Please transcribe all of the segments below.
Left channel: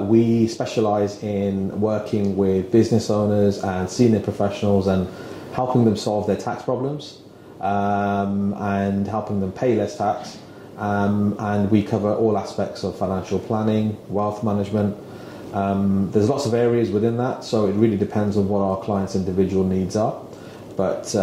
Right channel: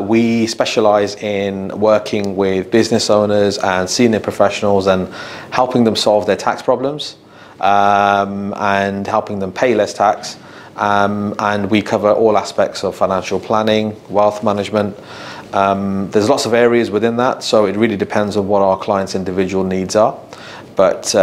We specialize in working with business owners and senior professionals and helping them solve their tax problems and helping them pay less tax. And we cover all aspects of financial planning, wealth management. There's lots of areas within that, so it really depends on what our clients' individual needs are. But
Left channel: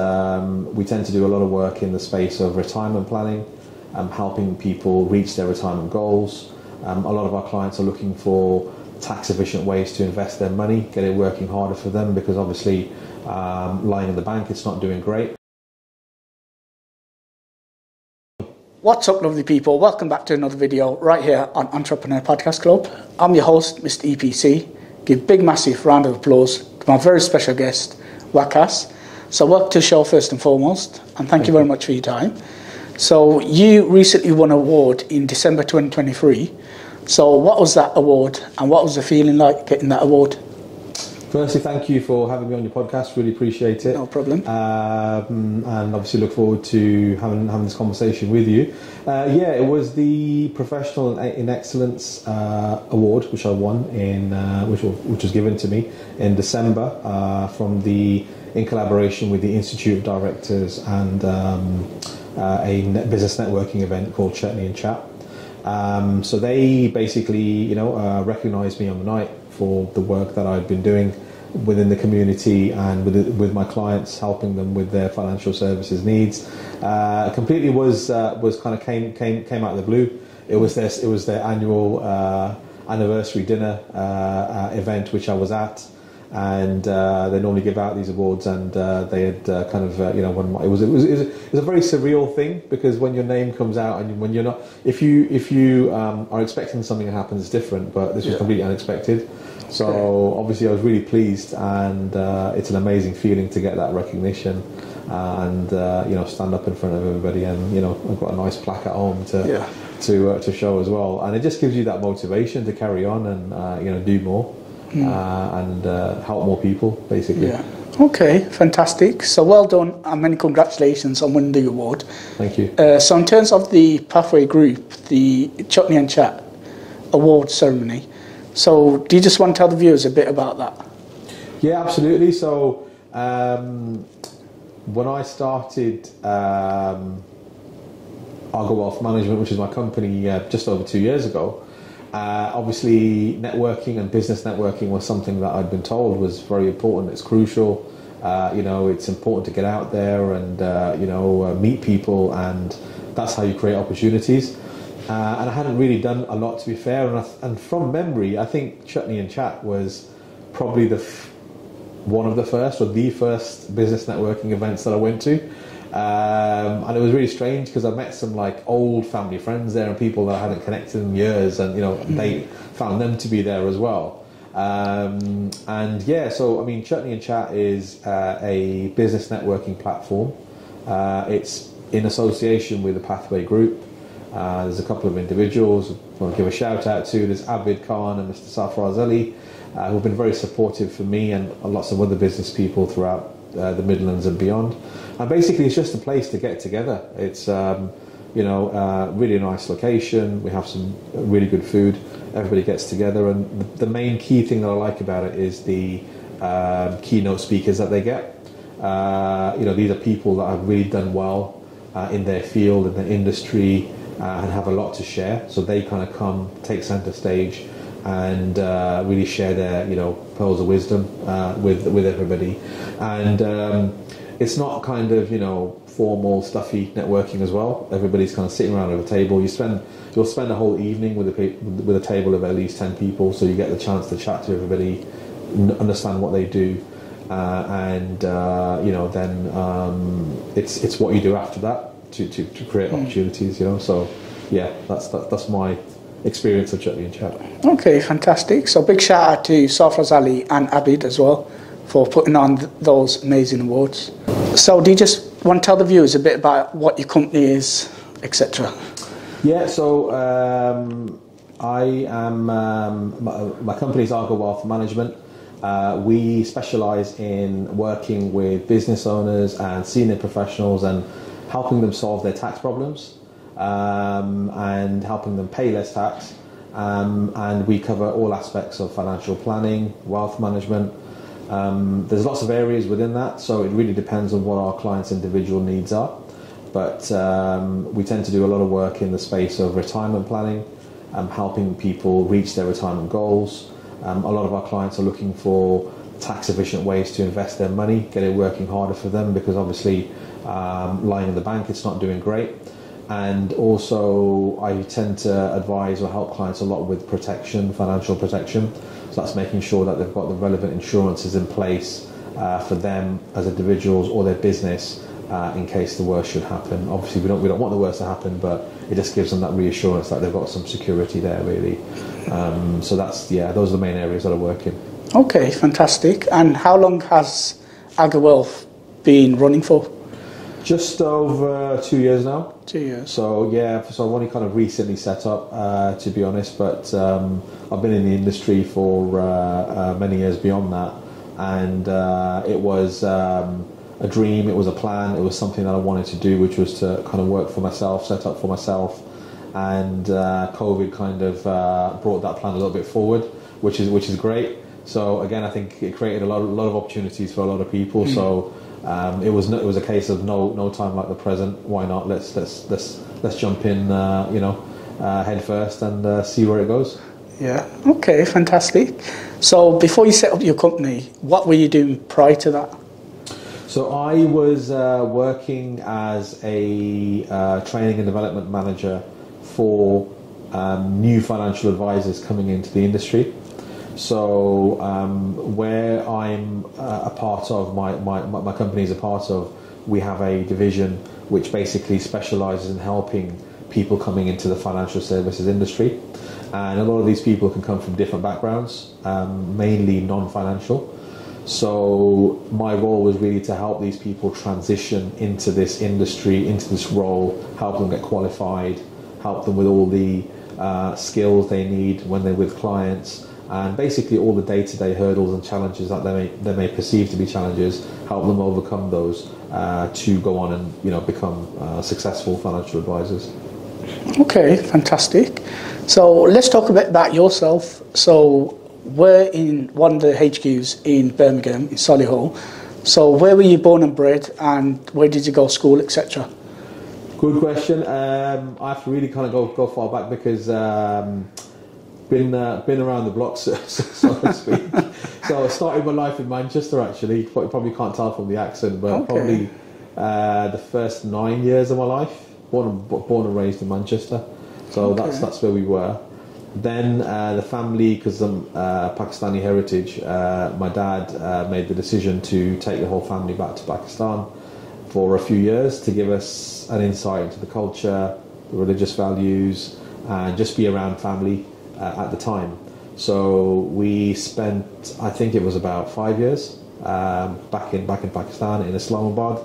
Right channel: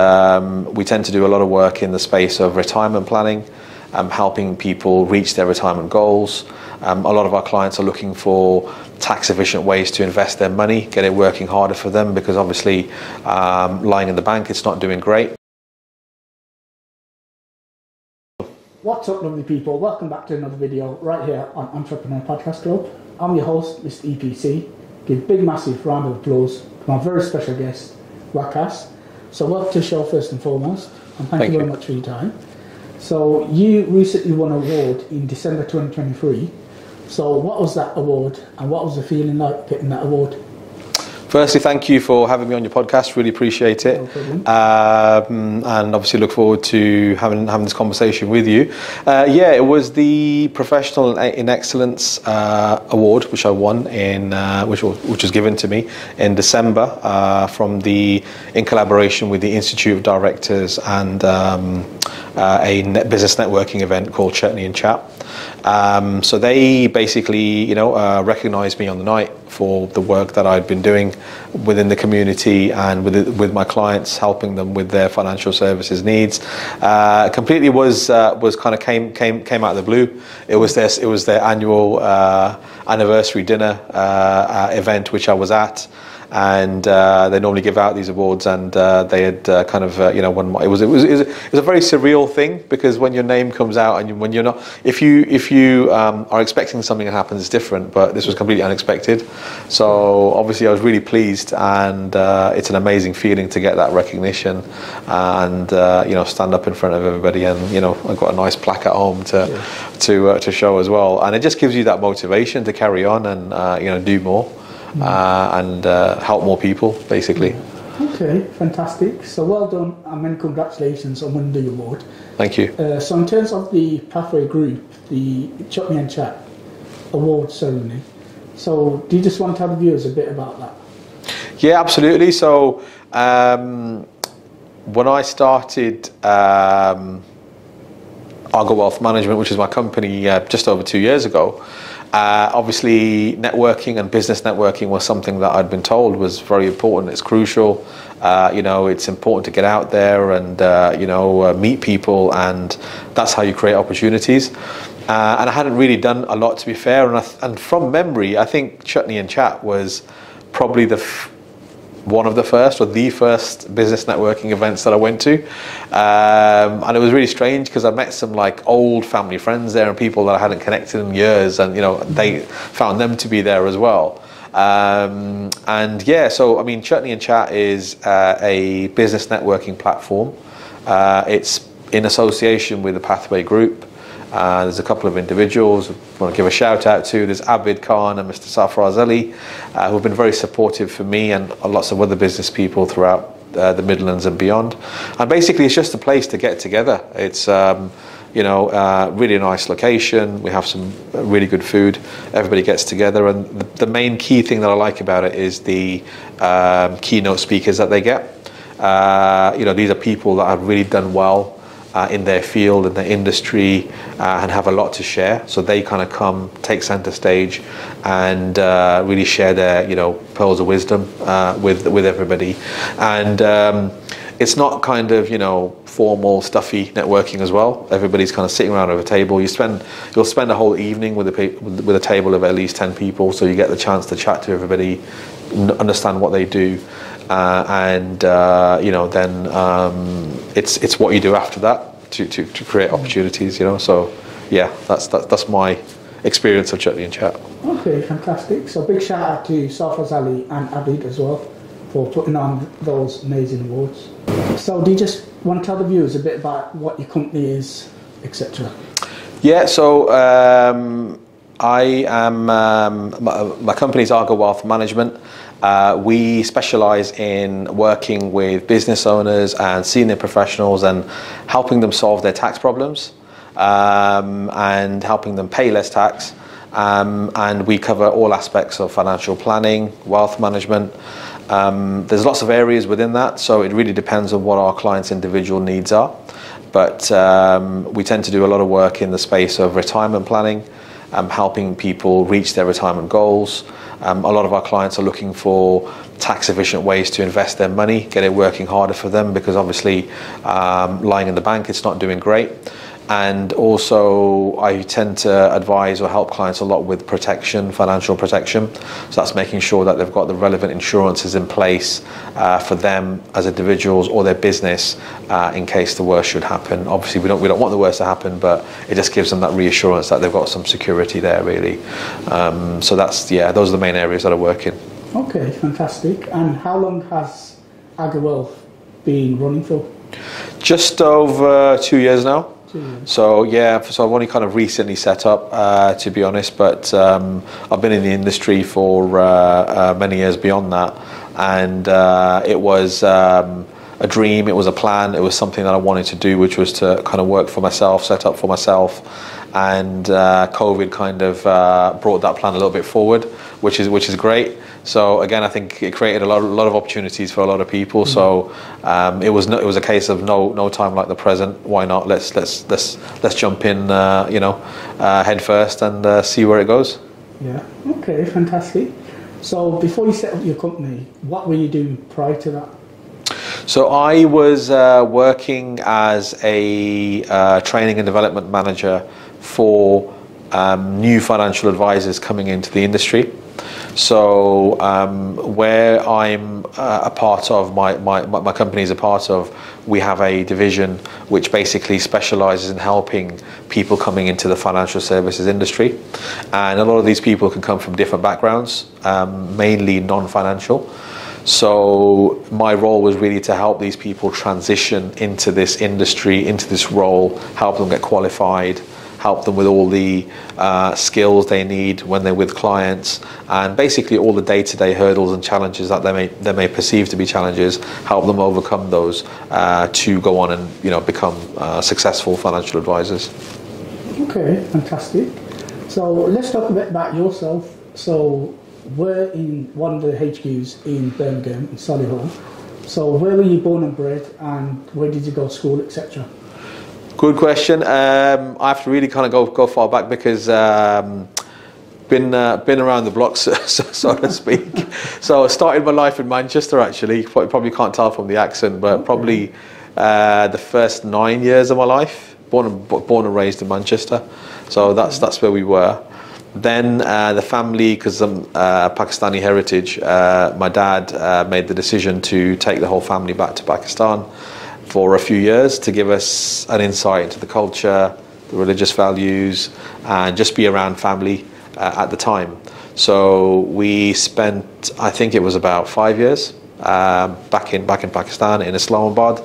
we tend to do a lot of work in the space of retirement planning, helping people reach their retirement goals. A lot of our clients are looking for tax-efficient ways to invest their money, get it working harder for them, because obviously lying in the bank, it's not doing great. What's up, lovely people? Welcome back to another video right here on Entrepreneur Podcast Club. I'm your host, Mr. EPC. Give big, massive round of applause to my very special guest, Waqas. So welcome to the show first and foremost, and thank you very much for your time. So you recently won an award in December 2023. So what was that award, and what was the feeling like getting that award? Firstly, thank you for having me on your podcast. Really appreciate it. No problem. And obviously look forward to having this conversation with you. Yeah, it was the Professional in Excellence Award, which I won in which was given to me in December in collaboration with the Institute of Directors and a business networking event called Chutney and Chat. So they basically, recognised me on the night for the work that I'd been doing within the community and with my clients, helping them with their financial services needs. Completely was kind of came out of the blue. It was their annual anniversary dinner event, which I was at. And they normally give out these awards, and they had won. It was a very surreal thing, because when your name comes out and when you're not, if you are expecting something to happen, it's different. But this was completely unexpected. So obviously I was really pleased, and it's an amazing feeling to get that recognition, and stand up in front of everybody, and I've got a nice plaque at home to show as well, and it just gives you that motivation to carry on and do more. And help more people, basically. Yeah. Okay, fantastic. So well done, and many congratulations on winning the award. Thank you. So in terms of the Pathway Group, the Chutney and Chat award ceremony, so do you just want to tell the viewers a bit about that? Yeah, absolutely. So when I started Aga Wealth Management, which is my company, just over 2 years ago, obviously networking and business networking was something that I'd been told was very important. It's crucial. It's important to get out there and meet people, and that's how you create opportunities. And I hadn't really done a lot, to be fair. And from memory, I think Chutney and Chat was probably one of the first or the first business networking events that I went to. And it was really strange, because I met some old family friends there and people that I hadn't connected in years, and they found them to be there as well. So I mean, Chutney and Chat is a business networking platform. It's in association with the Pathway Group. There's a couple of individuals I want to give a shout out to. There's Abid Khan and Mr. Safraz Ali, who have been very supportive for me and lots of other business people throughout the Midlands and beyond. And basically, it's just a place to get together. It's really nice location. We have some really good food. Everybody gets together, and the main key thing that I like about it is the keynote speakers that they get. These are people that have really done well in their field, in their industry, and have a lot to share. So they kind of come, take center stage, and really share their pearls of wisdom with everybody. And it's not kind of formal, stuffy networking as well. Everybody's kind of sitting around over a table. You'll spend a whole evening with a table of at least 10 people, so you get the chance to chat to everybody, understand what they do. It's what you do after that to create opportunities, So yeah, that's my experience of Chutney and Chat. Okay, fantastic. So big shout out to Safraz Ali and Abid as well for putting on those amazing awards. So do you just want to tell the viewers a bit about what your company is, etc.? Yeah, so I am my company is Aga Wealth Management. We specialize in working with business owners and senior professionals and helping them solve their tax problems and helping them pay less tax. and we cover all aspects of financial planning, wealth management. There's lots of areas within that, so it really depends on what our clients' individual needs are. But we tend to do a lot of work in the space of retirement planning, helping people reach their retirement goals. A lot of our clients are looking for tax efficient ways to invest their money, get it working harder for them, because obviously lying in the bank, it's not doing great. And also I tend to advise or help clients a lot with protection, financial protection. So that's making sure that they've got the relevant insurances in place for them as individuals or their business in case the worst should happen. Obviously we don't want the worst to happen, but it just gives them that reassurance that they've got some security there, really. So that's, yeah, those are the main areas that I work in. Okay, fantastic. And how long has Aga Wealth been running for? Just over 2 years now. 2 years. So yeah, so I've only kind of recently set up, to be honest, but I've been in the industry for many years beyond that, and it was a dream, it was a plan, it was something that I wanted to do, which was to kind of work for myself, set up for myself, and COVID kind of brought that plan a little bit forward, which is great. So again, I think it created a lot of opportunities for a lot of people. So it was a case of no time like the present. Why not? Let's jump in, head first and see where it goes. Yeah. Okay. Fantastic. So before you set up your company, what were you doing prior to that? So I was working as a training and development manager for new financial advisors coming into the industry. So where I'm a part of, my company is a part of, we have a division which basically specialises in helping people coming into the financial services industry. And a lot of these people can come from different backgrounds, mainly non-financial. So my role was really to help these people transition into this industry, into this role, help them get qualified, help them with all the skills they need when they're with clients, and basically all the day-to-day hurdles and challenges that they may perceive to be challenges, help them overcome those to go on and become successful financial advisors. Okay, fantastic. So let's talk a bit about yourself. So we're in one of the HQs in Birmingham, in Solihull. So where were you born and bred, and where did you go to school, etc.? Good question. I have to really kind of go far back because been around the block, so to speak. So I started my life in Manchester, actually. You probably can't tell from the accent, but okay. Probably the first 9 years of my life, born and raised in Manchester. So okay. That's where we were. Then the family, because I'm Pakistani heritage, my dad made the decision to take the whole family back to Pakistan for a few years to give us an insight into the culture, the religious values, and just be around family at the time. So we spent, I think it was about 5 years back in Pakistan, in Islamabad,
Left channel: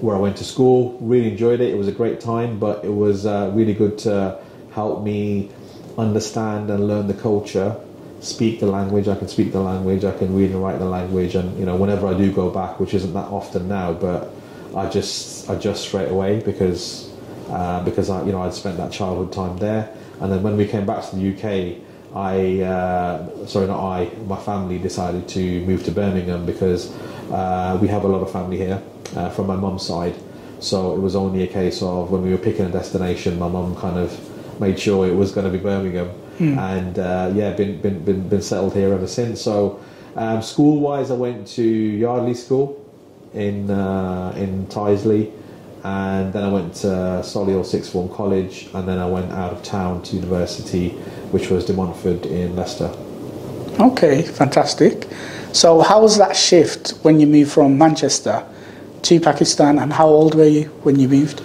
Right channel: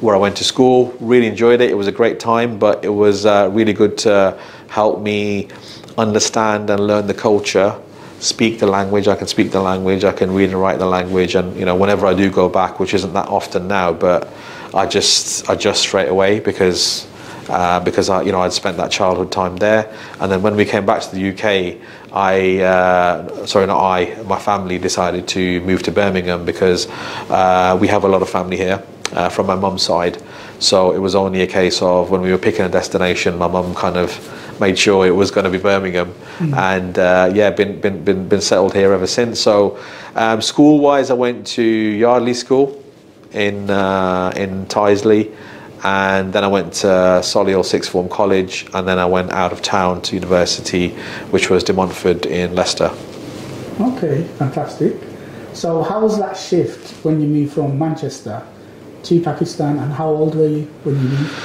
where I went to school. Really enjoyed it. It was a great time, but it was really good to help me understand and learn the culture, speak the language. I can speak the language, I can read and write the language, and whenever I do go back, which isn't that often now, but I just adjust straight away because I'd spent that childhood time there. And then when we came back to the UK, my family decided to move to Birmingham because we have a lot of family here from my mum's side. So it was only a case of when we were picking a destination, my mum kind of made sure it was going to be Birmingham, and been settled here ever since. So school-wise, I went to Yardley School in Tyseley, and then I went to Solihull Sixth Form College, and then I went out of town to university, which was De Montfort in Leicester. Okay, fantastic. So how was that shift when you moved from Manchester to Pakistan, and how old were you when you moved?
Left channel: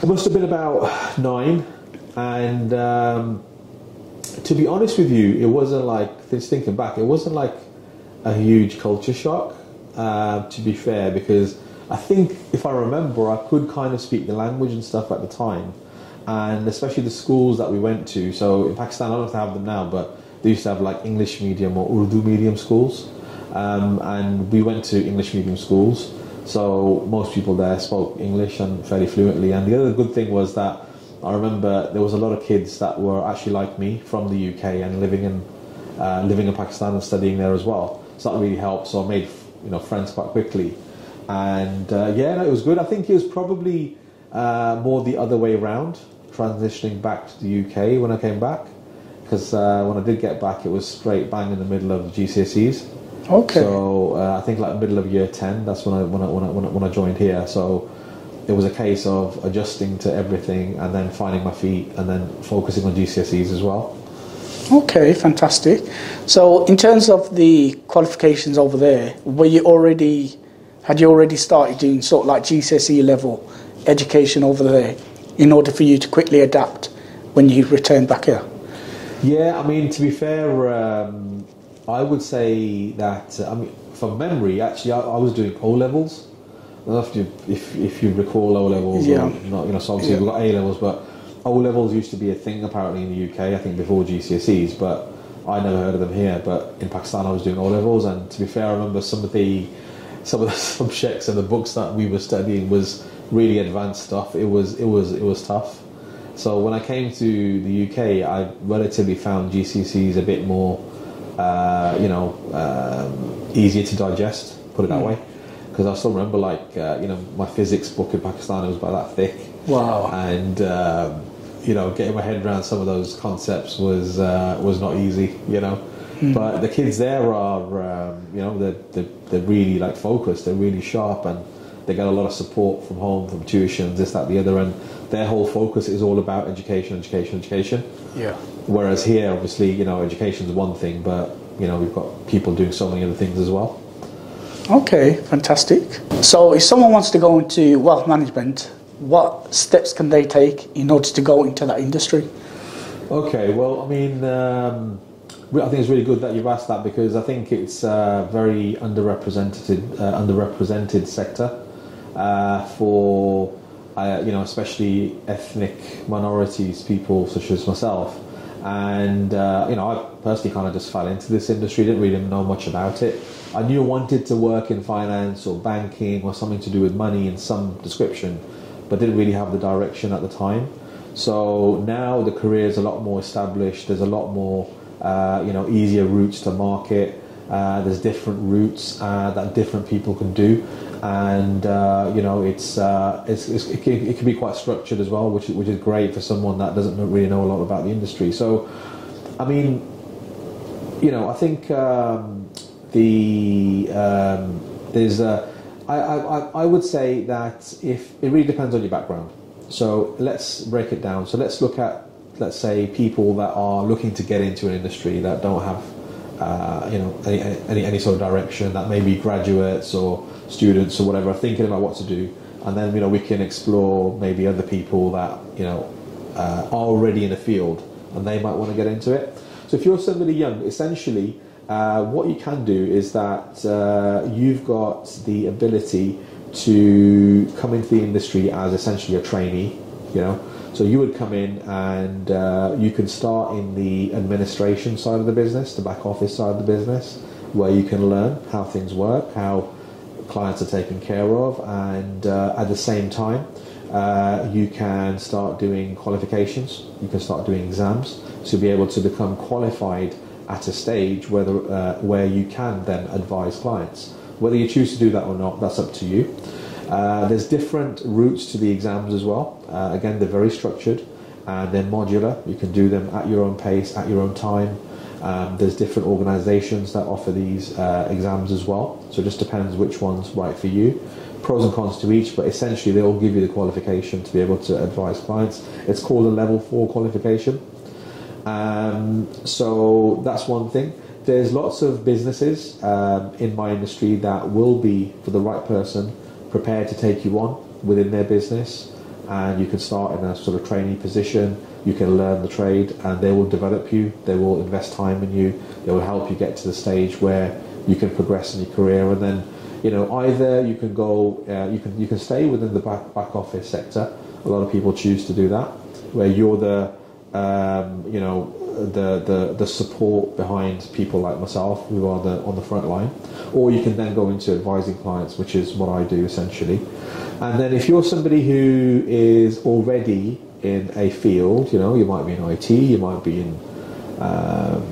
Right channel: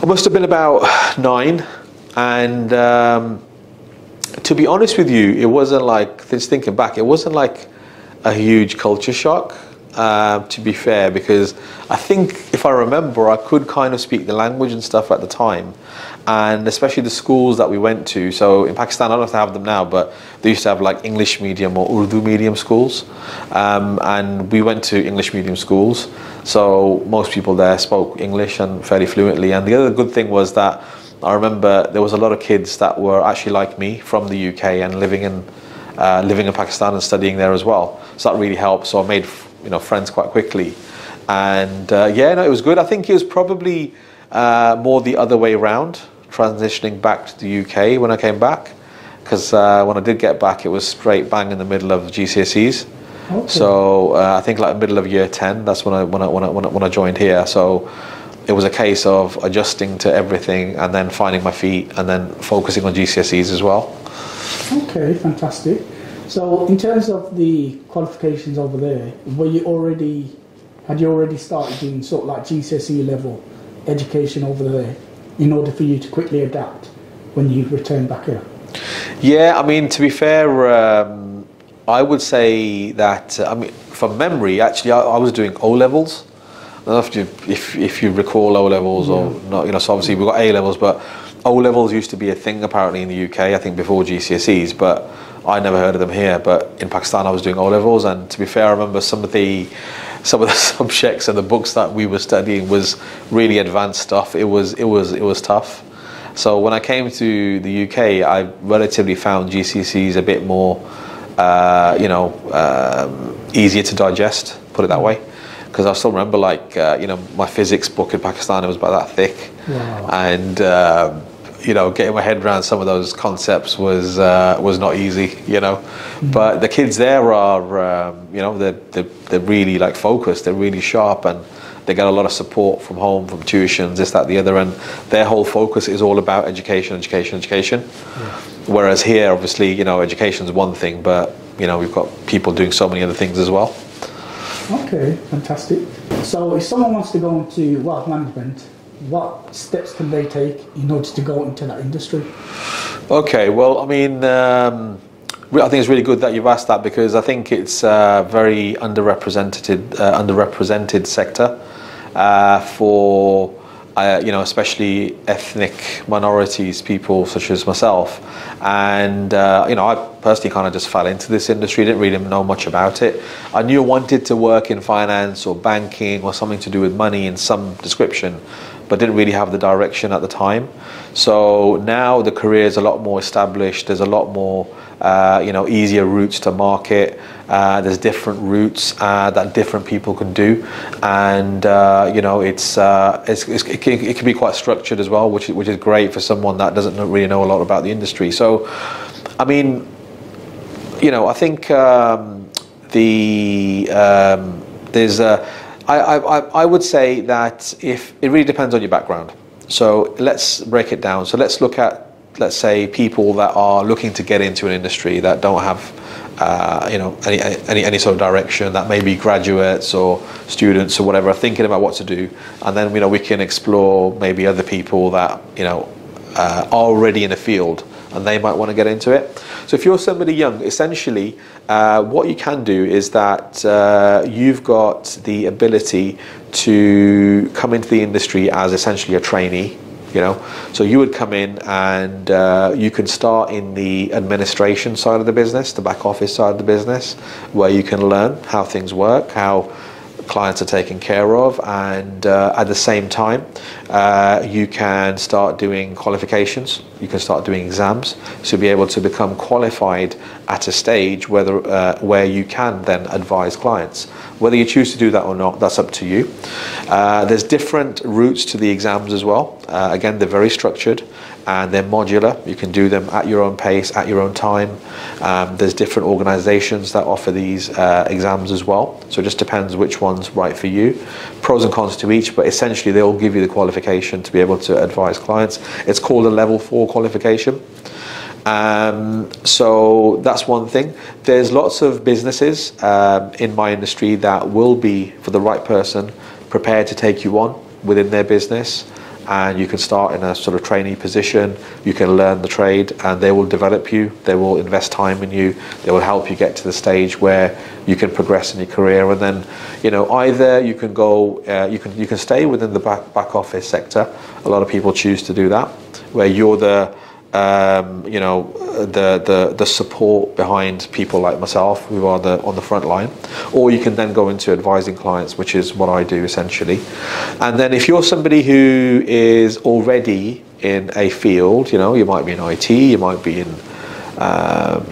I must have been about 9, and to be honest with you, it wasn't like, just thinking back, it wasn't like a huge culture shock. To be fair, because I think if I remember, I could kind of speak the language and stuff at the time, and especially the schools that we went to. So in Pakistan, I don't know if they have them now, but they used to have like English medium or Urdu medium schools, and we went to English medium schools. So most people there spoke English and fairly fluently. And the other good thing was that I remember there was a lot of kids that were actually like me from the UK and living in Pakistan and studying there as well. So that really helped. So I made friends quite quickly, and it was good. I think it was probably more the other way around, transitioning back to the UK when I came back, because when I did get back, it was straight bang in the middle of GCSEs. Okay. So I think like middle of year 10. That's when I joined here. So it was a case of adjusting to everything and then finding my feet and then focusing on GCSEs as well. Okay, fantastic. So in terms of the qualifications over there, had you already started doing sort of like GCSE level education over there in order for you to quickly adapt when you return back here? Yeah, I mean, to be fair, I would say that, from memory, actually, I was doing O-levels. I don't know if you recall O-levels or not, so obviously we've got A-levels, but O-levels used to be a thing apparently in the UK, I think before GCSEs, but I never heard of them here. But in Pakistan I was doing O-levels, and to be fair, I remember some of the subjects and the books that we were studying was really advanced stuff. It was tough. So when I came to the UK, I relatively found GCSEs a bit more easier to digest, put it that way. Because I still remember, my physics book in Pakistan, it was about that thick. Wow. And getting my head around some of those concepts was not easy. But the kids there are, they're really focused. They're really sharp, and they get a lot of support from home, from tuitions, this, that, the other. And their whole focus is all about education. Yeah. Whereas here, obviously, education is one thing, but we've got people doing so many other things as well. Okay, fantastic. So if someone wants to go into wealth management, what steps can they take in order to go into that industry? Okay, well, I think it's really good that you've asked that, because I think it's a very underrepresented sector for especially ethnic minorities, people such as myself. And I personally kind of just fell into this industry, didn't really know much about it. I knew I wanted to work in finance or banking or something to do with money in some description, but didn't really have the direction at the time. So now the career is a lot more established. There's a lot more easier routes to market. There's different routes that different people can do, and it can be quite structured as well, which is great for someone that doesn't really know a lot about the industry. So, I think I would say that if it really depends on your background. So let's break it down. So let's look at, let's say, people that are looking to get into an industry that don't have any sort of direction, that may be graduates or students or whatever, are thinking about what to do. And then we can explore maybe other people that are already in the field and they might want to get into it. So if you're somebody young, essentially what you can do is that you've got the ability to come into the industry as essentially a trainee. So you would come in and you can start in the administration side of the business, the back office side of the business, where you can learn how things work, how clients are taken care of, and at the same time you can start doing qualifications, you can start doing exams, so you'll be able to become qualified at a stage where you can then advise clients. Whether you choose to do that or not, that's up to you. There's different routes to the exams as well. Again, they're very structured and they're modular. You can do them at your own pace, at your own time. There's different organizations that offer these exams as well. So it just depends which one's right for you. Pros and cons to each, but essentially they all give you the qualification to be able to advise clients. It's called a level 4 qualification. So that's one thing. There's lots of businesses in my industry that will be, for the right person, prepared to take you on within their business, and you can start in a sort of trainee position. You can learn the trade and they will develop you, they will invest time in you, they will help you get to the stage where you can progress in your career. And then either you can go you can stay within the back office sector. A lot of people choose to do that, where you're the the support behind people like myself who are on the front line, or you can then go into advising clients, which is what I do essentially. And then if you're somebody who is already in a field, you might be in IT, you might be in the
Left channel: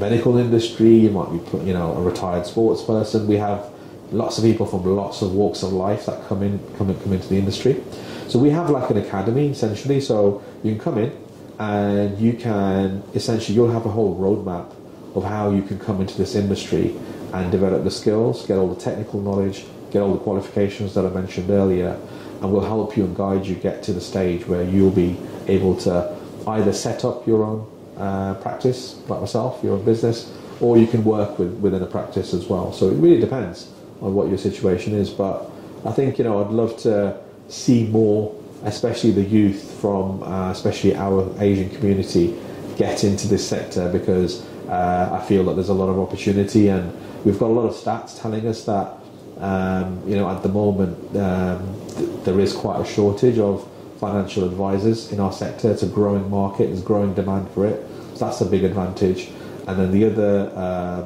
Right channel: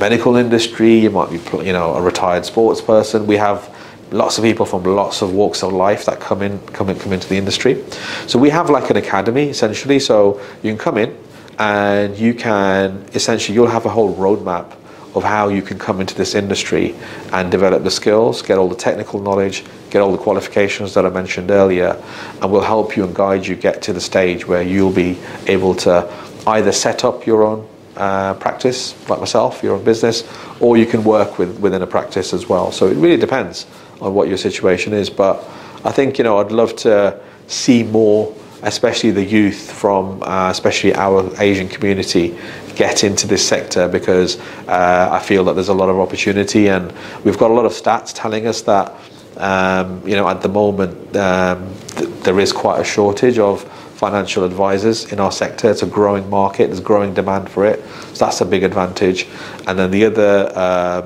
medical industry, you might be a retired sports person. We have lots of people from lots of walks of life that come into the industry. So we have like an academy essentially. So you can come in and you can essentially, you'll have a whole roadmap of how you can come into this industry and develop the skills, get all the technical knowledge, get all the qualifications that I mentioned earlier, and we'll help you and guide you get to the stage where you'll be able to either set up your own practice, like myself, your own business, or you can work within a practice as well. So it really depends on what your situation is. But I think, I'd love to see more, especially the youth from especially our Asian community, get into this sector, because I feel that there's a lot of opportunity, and we've got a lot of stats telling us that at the moment there is quite a shortage of financial advisors in our sector. It's a growing market, there's growing demand for it, so that's a big advantage. And then the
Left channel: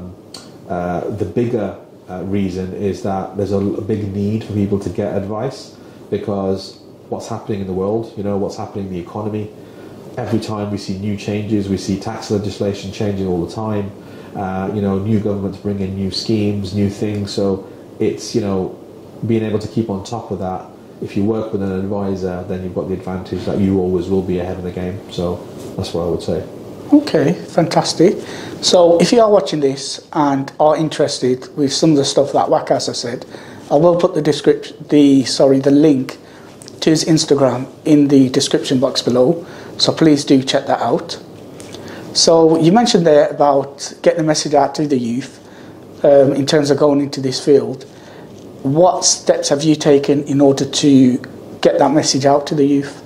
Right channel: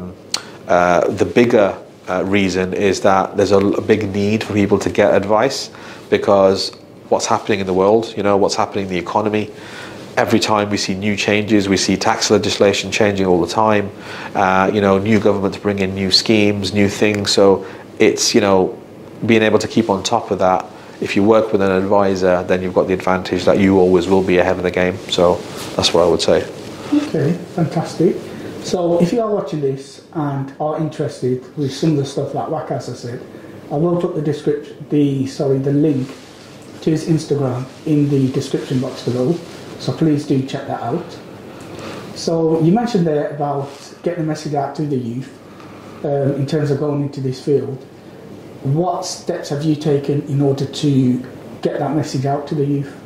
bigger reason is that there's a big need for people to get advice, because what's happening in the world, what's happening in the economy, every time we see new changes, we see tax legislation changing all the time, new governments bring in new schemes, new things. So it's, being able to keep on top of that. If you work with an advisor, then you've got the advantage that you always will be ahead of the game. So that's what I would say. Okay, fantastic. So if you are watching this and are interested with some of the stuff that Waqas has said, I will put the link to his Instagram in the description box below. So please do check that out. So you mentioned there about getting the message out to the youth in terms of going into this field. What steps have you taken in order to get that message out to the youth?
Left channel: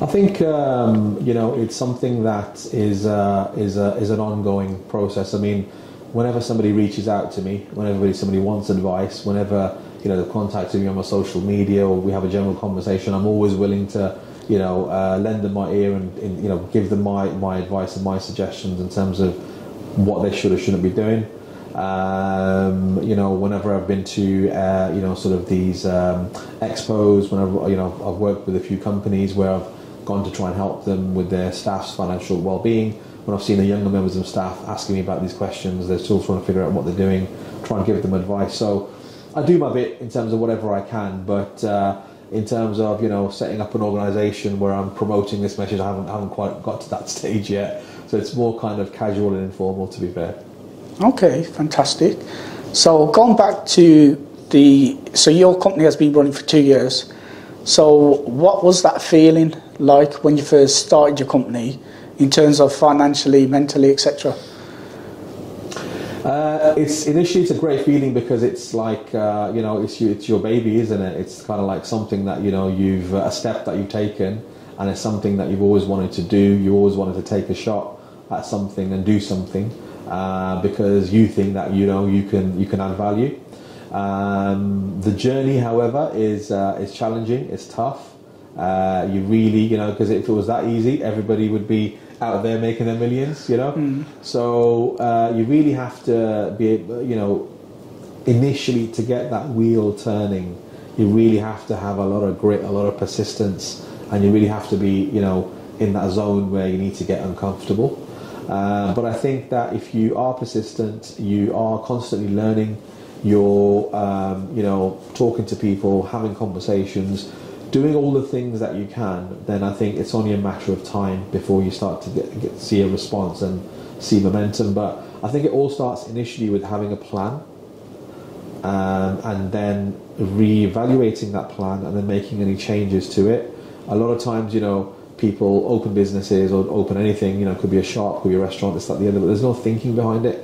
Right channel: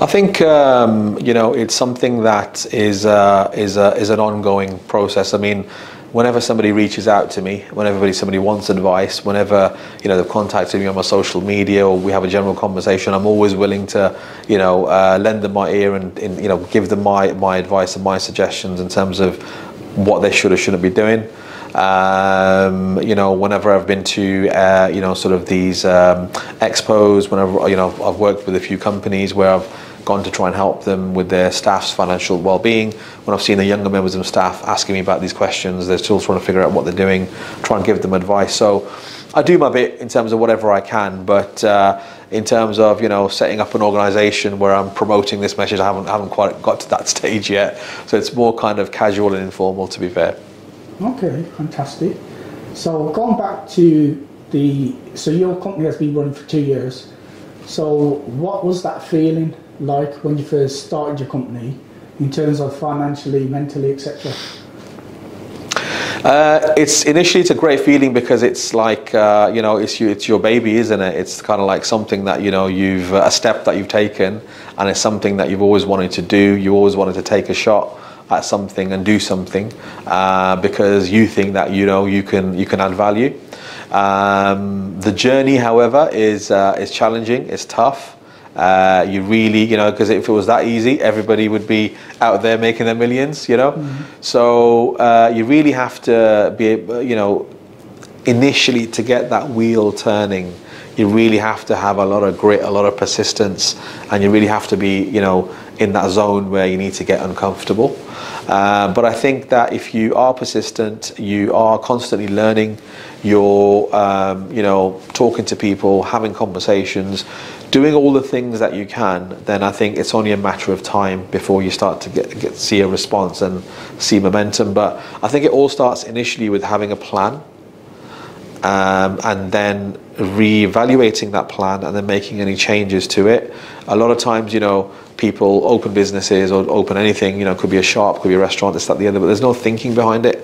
I think it's something that is an ongoing process. I mean, whenever somebody reaches out to me, whenever somebody wants advice, whenever they've contacted me on my social media or we have a general conversation, I'm always willing to lend them my ear and give them my advice and my suggestions in terms of what they should or shouldn't be doing. Whenever I've been to sort of these expos, whenever I've worked with a few companies where I've gone to try and help them with their staff's financial well-being. When I've seen the younger members of staff asking me about these questions, they're still trying to figure out what they're doing, try and give them advice. So I do my bit in terms of whatever I can, but in terms of setting up an organisation where I'm promoting this message, I haven't quite got to that stage yet. So it's more kind of casual and informal, to be fair. Okay, fantastic. So going back to so your company has been running for 2 years. So what was that feeling like when you first started your company in terms of financially, mentally, etc.? It's a great feeling, because it's like it's your baby, isn't it? It's kind of like something that you've a step that you've taken, and it's something that you've always wanted to do. You always wanted to take a shot at something and do something because you think that you can add value. The journey, however, is challenging. It's tough. You really, because if it was that easy, everybody would be out there making their millions, Mm-hmm. So you really have to be, initially to get that wheel turning, you really have to have a lot of grit, a lot of persistence, and you really have to be, in that zone where you need to get uncomfortable. But I think that if you are persistent, you are constantly learning, you're, talking to people, having conversations, doing all the things that you can, then I think it's only a matter of time before you start to see a response and see momentum. But I think it all starts initially with having a plan, and then re-evaluating that plan and then making any changes to it. A lot of times, people open businesses or open anything, it could be a shop, could be a restaurant, this, that, the other, but there's no thinking behind it.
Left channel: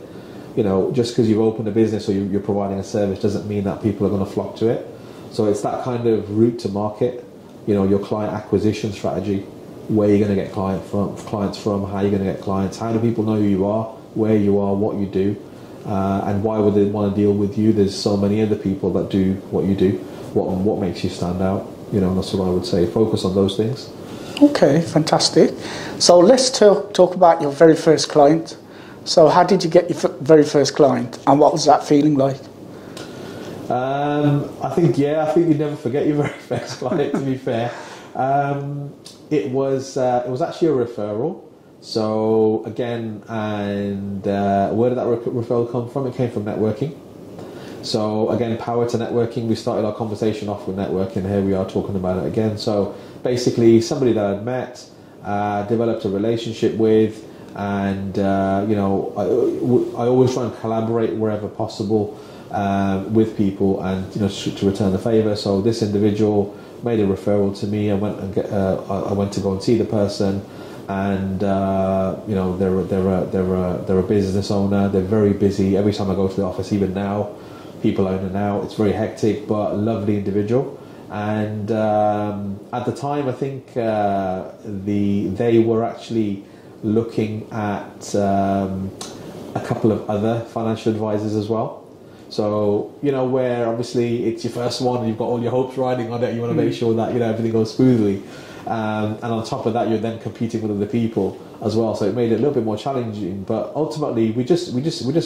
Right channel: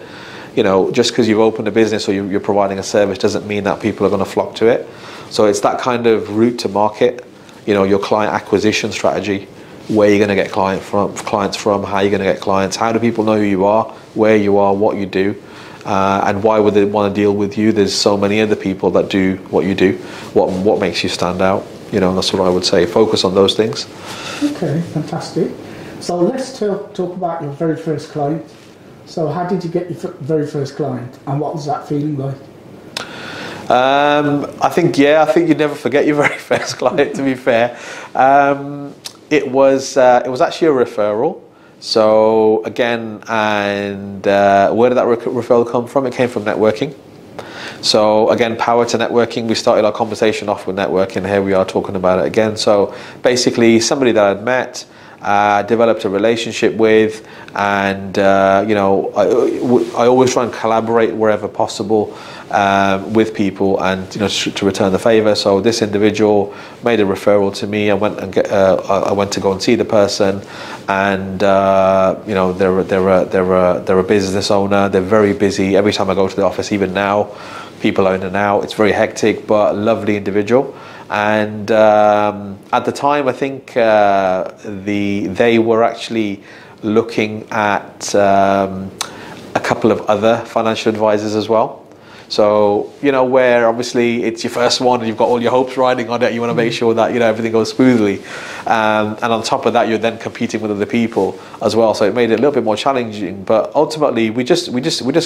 Just because you've opened a business or you're providing a service doesn't mean that people are going to flock to it. So it's that kind of route to market, your client acquisition strategy, where you're going to get clients from, how you're going to get clients, how do people know who you are, where you are, what you do, and why would they want to deal with you? There's so many other people that do what you do. What makes you stand out? That's what I would say. Focus on those things. Okay, fantastic. So let's talk about your very first client. So how did you get your very first client, and what was that feeling like? I think you never forget your very first client, to be fair. It was actually a referral. So again, and where did that referral come from? It came from networking. So again, power to networking. We started our conversation off with networking. Here we are talking about it again. So basically, somebody that I'd met, developed a relationship with, and I always try and collaborate wherever possible with people, and to return the favor. So this individual made a referral to me. I went to go and see the person, and they're a business owner. They're very busy. Every time I go to the office, even now, people are in and out. It's very hectic, but a lovely individual. And at the time, I think they were actually looking at a couple of other financial advisors as well. So, where obviously it's your first one and you've got all your hopes riding on it, you want to make sure that, everything goes smoothly. And on top of that, you're then competing with other people as well. So it made it a little bit more challenging, but ultimately we just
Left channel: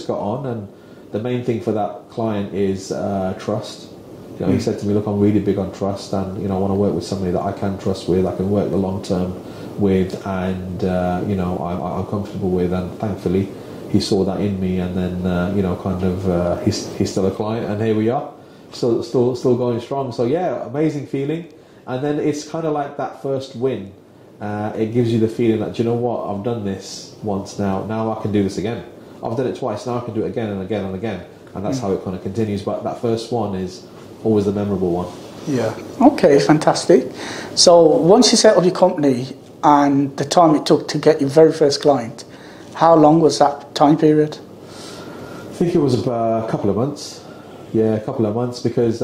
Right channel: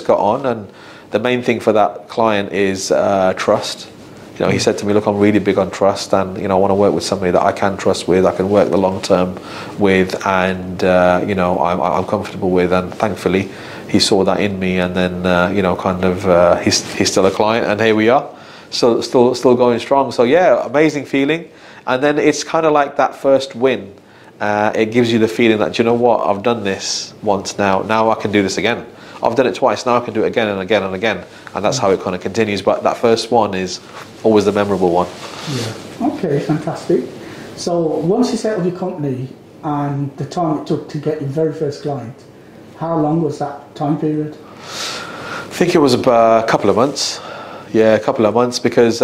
got on. And the main thing for that client is trust. He said to me, look, I'm really big on trust, and, I want to work with somebody that I can trust with, I can work the long term with, and, I'm comfortable with. And thankfully, he saw that in me, and then, he's still a client, and here we are, still going strong. So yeah, amazing feeling. And then it's kind of like that first win. It gives you the feeling that, you know what, I've done this once now I can do this again. I've done it twice, now I can do it again and again and again. And that's how it kind of continues. But that first one is always the memorable one. Yeah. Okay, fantastic. So once you set up your company and the time it took to get your very first client, how long was that time period? I think it was about a couple of months. Yeah, a couple of months, because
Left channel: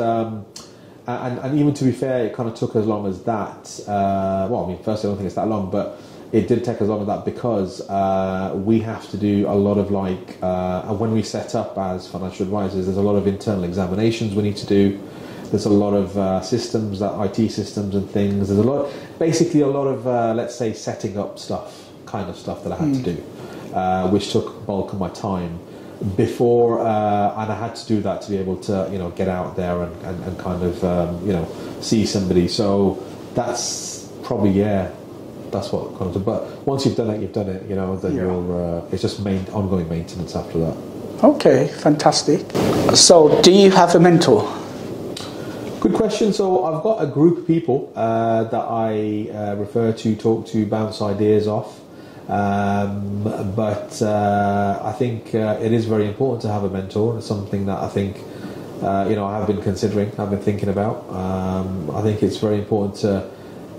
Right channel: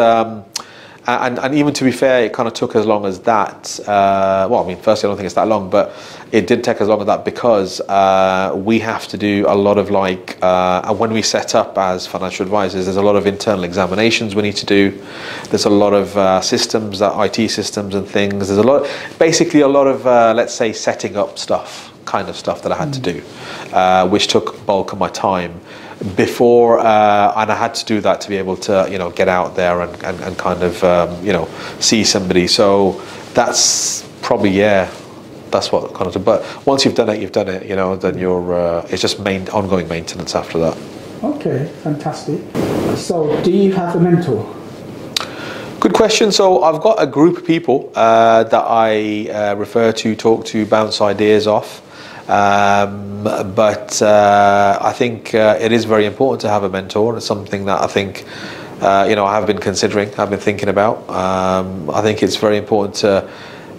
and even to be fair, it kind of took as long as that. Firstly, I don't think it's that long, but it did take as long as that because we have to do a lot of when we set up as financial advisors, there's a lot of internal examinations we need to do. There's a lot of systems, IT systems and things. There's a lot of, let's say, setting up stuff that I had to do, which took bulk of my time before, and I had to do that to be able to, get out there and kind of, see somebody. So that's probably, that's what kind of. But once you've done it, then you're. It's just ongoing maintenance after that. Okay, fantastic. So, do you have a mentor? Good question. So I've got a group of people that I refer to, talk to, bounce ideas off. But I think it is very important to have a mentor, and it's something that I think I have been considering, I've been thinking about. I think it's very important to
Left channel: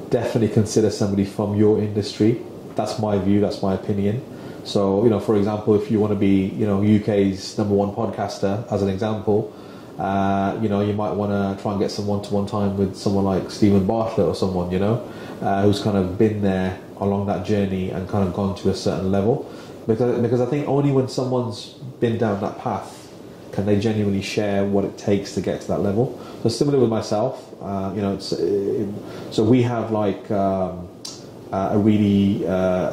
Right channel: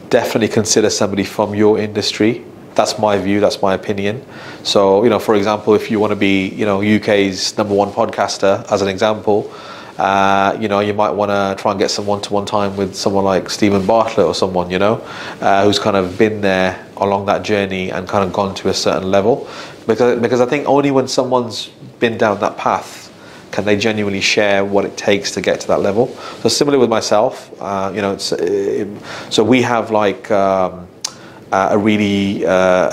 definitely consider somebody from your industry. That's my view, that's my opinion. So, for example, if you want to be, UK's #1 podcaster, as an example, you might want to try and get some one-to-one time with someone like Stephen Bartlett or someone, who's kind of been there along that journey and kind of gone to a certain level. Because I think only when someone's been down that path can they genuinely share what it takes to get to that level. So similarly with myself, so we have a really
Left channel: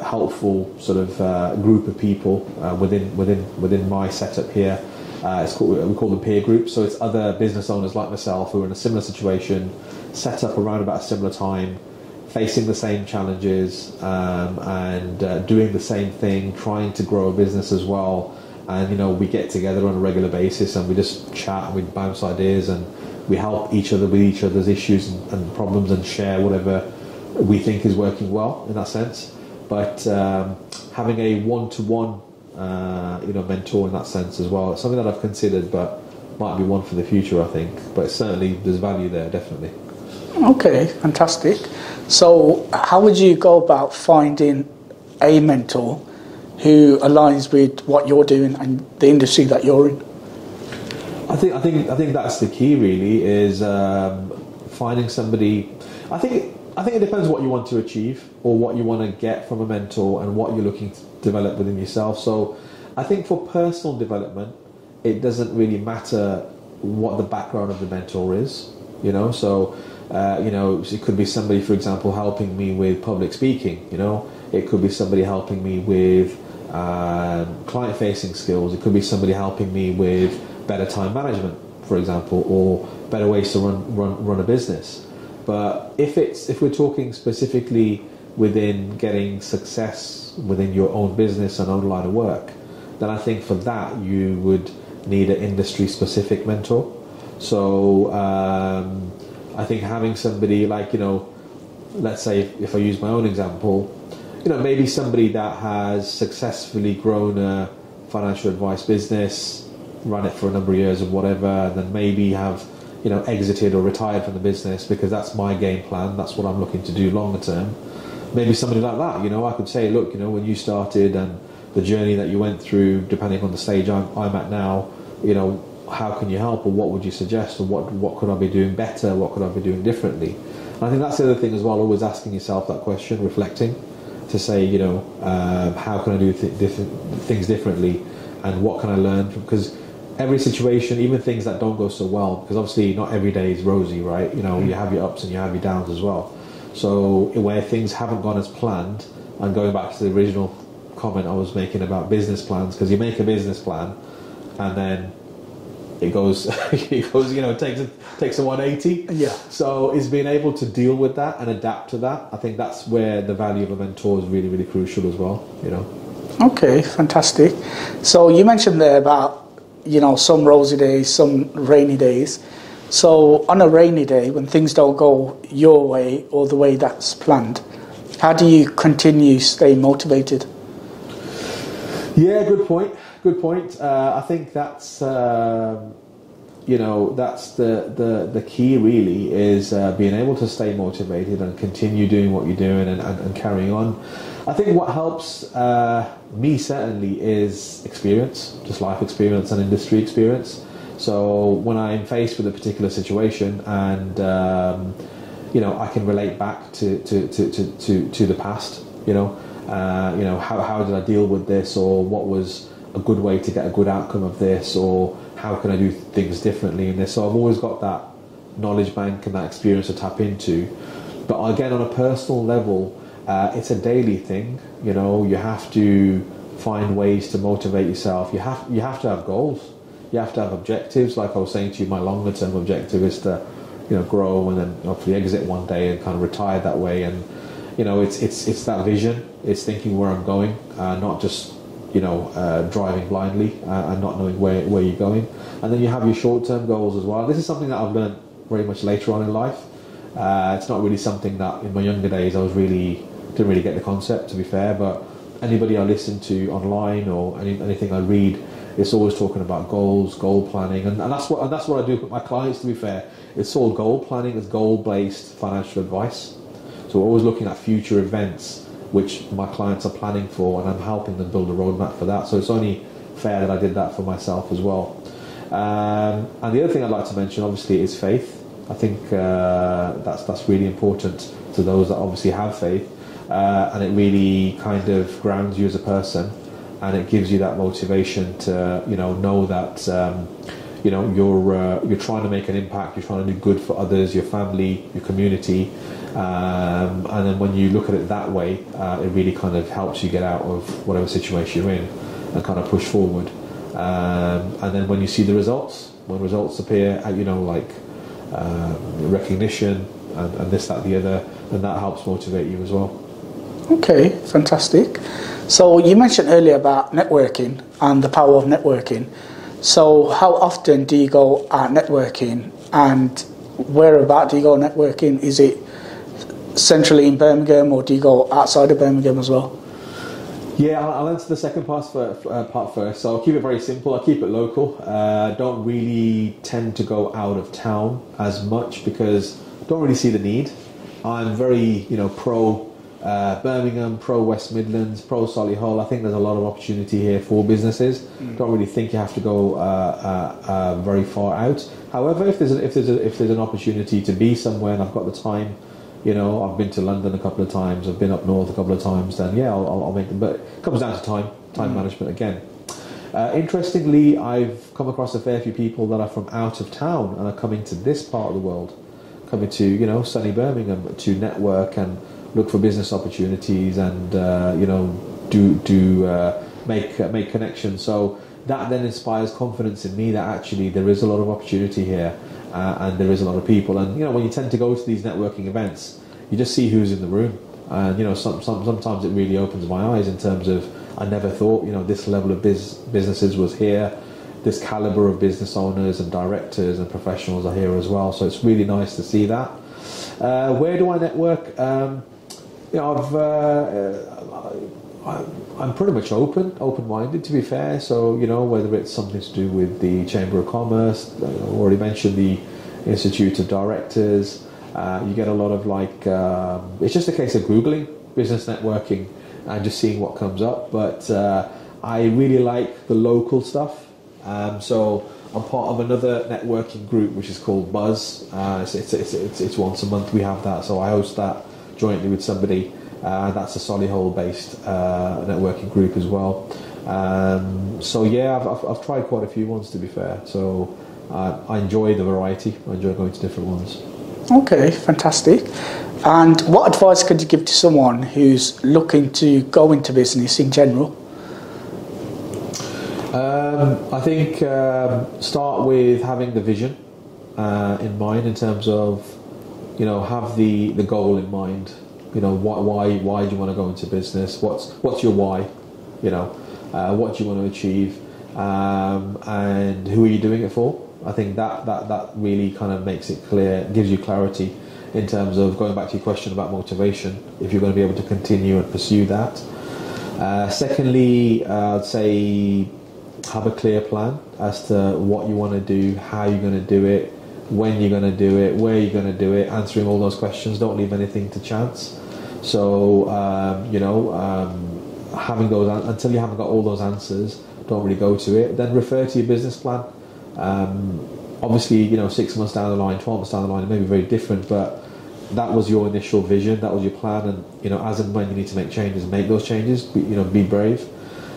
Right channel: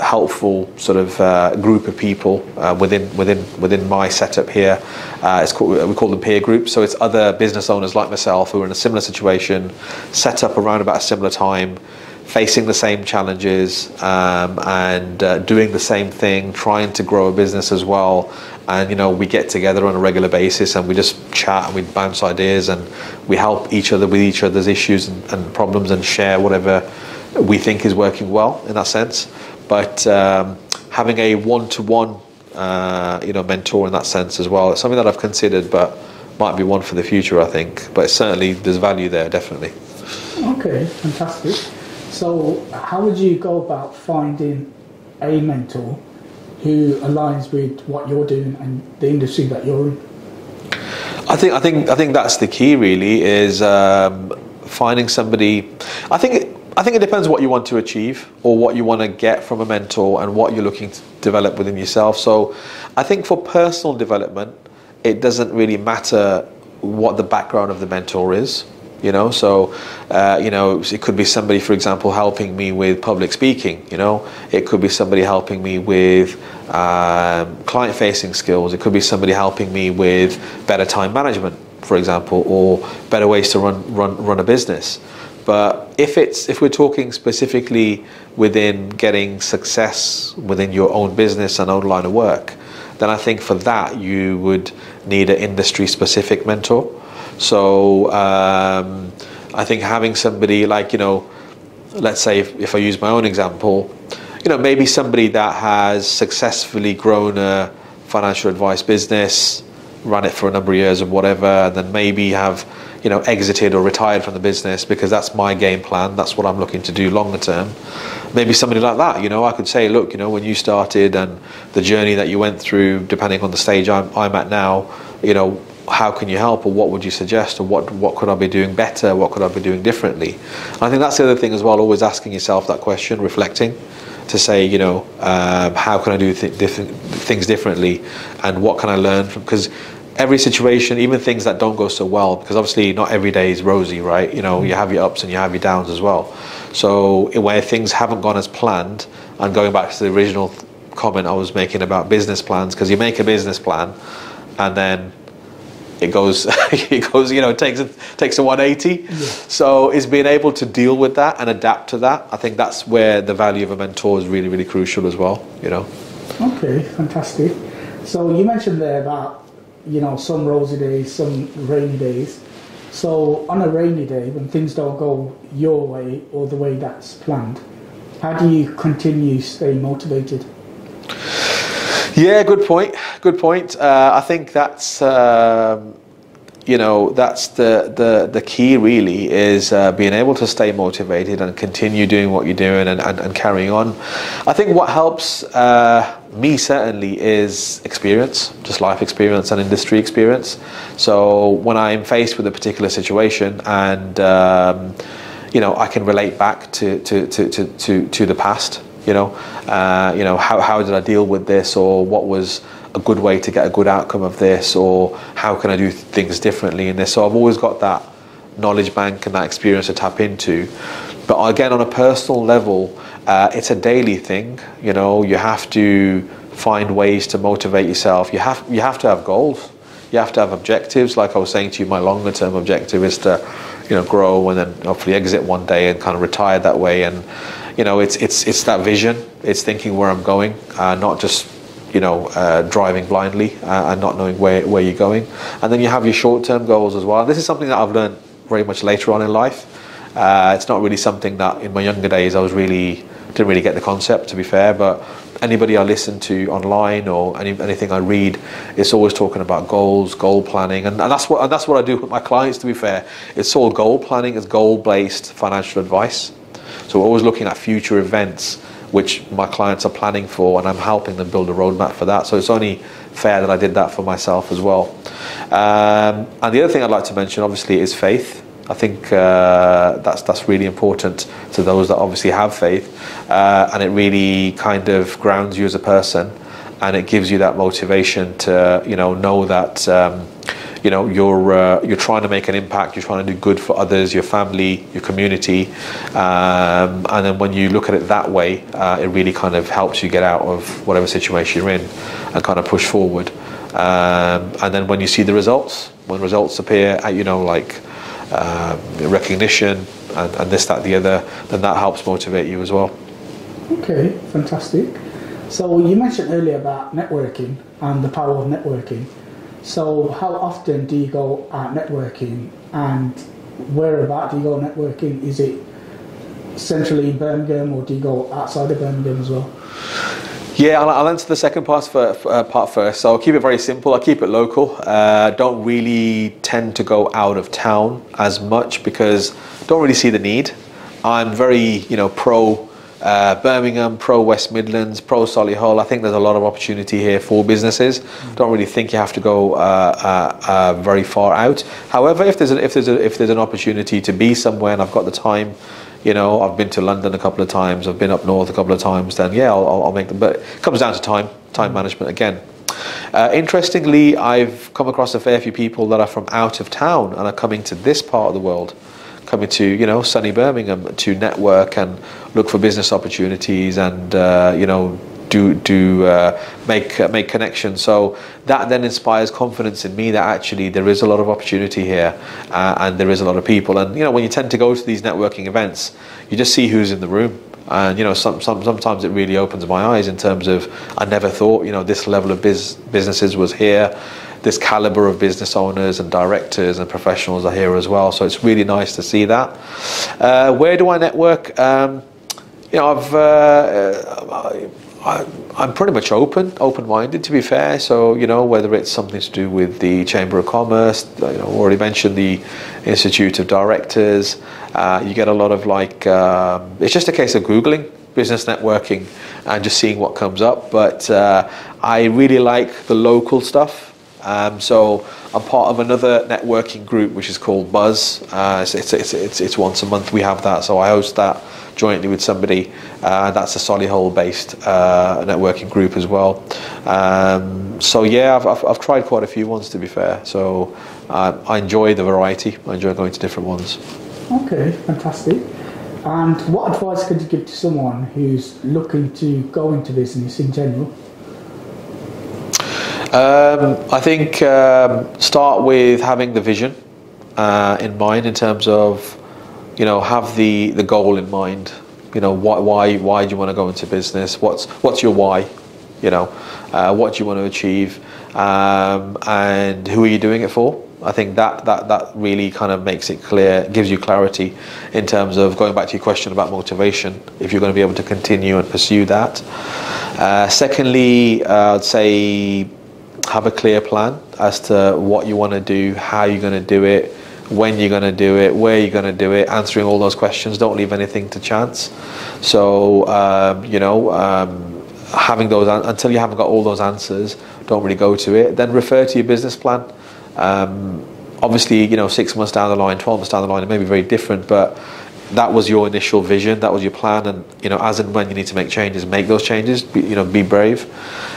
helpful sort of group of people within my setup here. We call them peer groups. So it's other business owners like myself who are in a similar situation, set up around about a similar time, facing the same challenges, and doing the same thing, trying to grow a business as well. And we get together on a regular basis and we just chat and we bounce ideas and we help each other with each other's issues and problems and share whatever we think is working well in that sense. But having a one-to-one mentor in that sense as well, it's something that I've considered, but might be one for the future, I think. But certainly there's value there, definitely. Okay, fantastic. So how would you go about finding a mentor who aligns with what you're doing and the industry that you're in? I think that's the key, really, is finding somebody. I think it depends what you want to achieve or what you want to get from a mentor and what you're looking to develop within yourself. So I think for personal development, it doesn't really matter what the background of the mentor is. So it could be somebody, for example, helping me with public speaking. It could be somebody helping me with client-facing skills. It could be somebody helping me with better time management, for example, or better ways to run a business. But If we're talking specifically within getting success within your own business and own line of work, then I think for that you would need an industry specific mentor. So I think having somebody like, let's say if I use my own example, maybe somebody that has successfully grown a financial advice business, run it for a number of years or whatever, and then maybe have exited or retired from the business because that's my game plan, that's what I'm looking to do longer term. Maybe somebody like that, I could say, look, when you started and the journey that you went through, depending on the stage I'm at now, how can you help, or what would you suggest, or what could I be doing better, what could I be doing differently? And I think that's the other thing as well, always asking yourself that question, reflecting, to say, how can I do things differently, and what can I learn from, because every situation, even things that don't go so well, because obviously not every day is rosy, right? You have your ups and you have your downs as well. So where things haven't gone as planned, and going back to the original comment I was making about business plans, because you make a business plan and then it goes takes a 180. Yeah. So it's being able to deal with that and adapt to that. I think that's where the value of a mentor is really, really crucial as well. Okay, fantastic. So you mentioned there about some rosy days, some rainy days. So on a rainy day, when things don't go your way or the way that's planned, how do you continue staying motivated? Yeah, good point. I think that's that's the key really, is being able to stay motivated and continue doing what you're doing and carrying on. I think what helps me certainly is experience, just life experience and industry experience. So when I'm faced with a particular situation and I can relate back to the past, how did I deal with this, or what was a good way to get a good outcome of this, or how can I do things differently in this. So I've always got that knowledge bank and that experience to tap into. But again, on a personal level, it's a daily thing. You have to find ways to motivate yourself. You have to have goals. You have to have objectives. Like I was saying to you, my longer term objective is to grow and then hopefully exit one day and kind of retire that way. And it's that vision. It's thinking where I'm going, not just driving blindly and not knowing where you're going. And then you have your short-term goals as well. This is something that I've learned very much later on in life. It's not really something that in my younger days didn't really get the concept, to be fair. But anybody I listen to online or anything I read, it's always talking about goals, goal planning, and that's what I do with my clients, to be fair. It's all goal planning. It's goal-based financial advice. So we're always looking at future events which my clients are planning for, and I'm helping them build a roadmap for that. So it's only fair that I did that for myself as well. And the other thing I'd like to mention, obviously, is faith. I think that's really important to those that obviously have faith, and it really kind of grounds you as a person, and it gives you that motivation to know that you're trying to make an impact, you're trying to do good for others, your family, your community, and then when you look at it that way, it really kind of helps you get out of whatever situation you're in and kind of push forward. And then when you see the results, when results appear, like recognition and this, that, the other, then that helps motivate you as well. Okay, fantastic. So you mentioned earlier about networking and the power of networking. So how often do you go out networking, and whereabout do you go networking? Is it centrally in Birmingham, or do you go outside of Birmingham as well? Yeah, I'll answer the second part first. So I'll keep it very simple. I'll keep it local. Don't really tend to go out of town as much because I don't really see the need. I'm very, pro Birmingham, pro West Midlands, pro Solihull. I think there's a lot of opportunity here for businesses. Don't really think you have to go very far out. However, if there's an opportunity to be somewhere and I've got the time, I've been to London a couple of times, I've been up north a couple of times, then yeah, I'll make them. But it comes down to time management again. Interestingly, I've come across a fair few people that are from out of town and are coming to this part of the world, coming to sunny Birmingham to network and look for business opportunities and do make connections. So that then inspires confidence in me that actually there is a lot of opportunity here, and there is a lot of people. And when you tend to go to these networking events, you just see who's in the room. And sometimes it really opens my eyes in terms of, I never thought this level of businesses was here. This caliber of business owners and directors and professionals are here as well. So it's really nice to see that. Where do I network? I'm pretty much open-minded, to be fair. So whether it's something to do with the Chamber of Commerce, already mentioned the Institute of Directors. You get a lot of it's just a case of Googling business networking and just seeing what comes up. But I really like the local stuff. So I'm part of another networking group which is called Buzz. It's once a month we have that, so I host that jointly with somebody. That's a Solihull based networking group as well. So yeah, I've tried quite a few ones, to be fair. So I enjoy the variety. I enjoy going to different ones. Okay, fantastic. And what advice could you give to someone who's looking to go into business in general? I think start with having the vision in mind, in terms of have the goal in mind. Why do you want to go into business? What's your why? What do you want to achieve, and who are you doing it for? I think that really kind of makes it clear, gives you clarity in terms of going back to your question about motivation, if you're going to be able to continue and pursue that. Secondly, I'd say have a clear plan as to what you want to do, how you're going to do it, when you're going to do it, where you're going to do it, answering all those questions. Don't leave anything to chance. So, having those, until you haven't got all those answers, don't really go to it. Then refer to your business plan. Obviously, 6 months down the line, 12 months down the line, it may be very different, but that was your initial vision, that was your plan, and as and when you need to make changes, make those changes. Be brave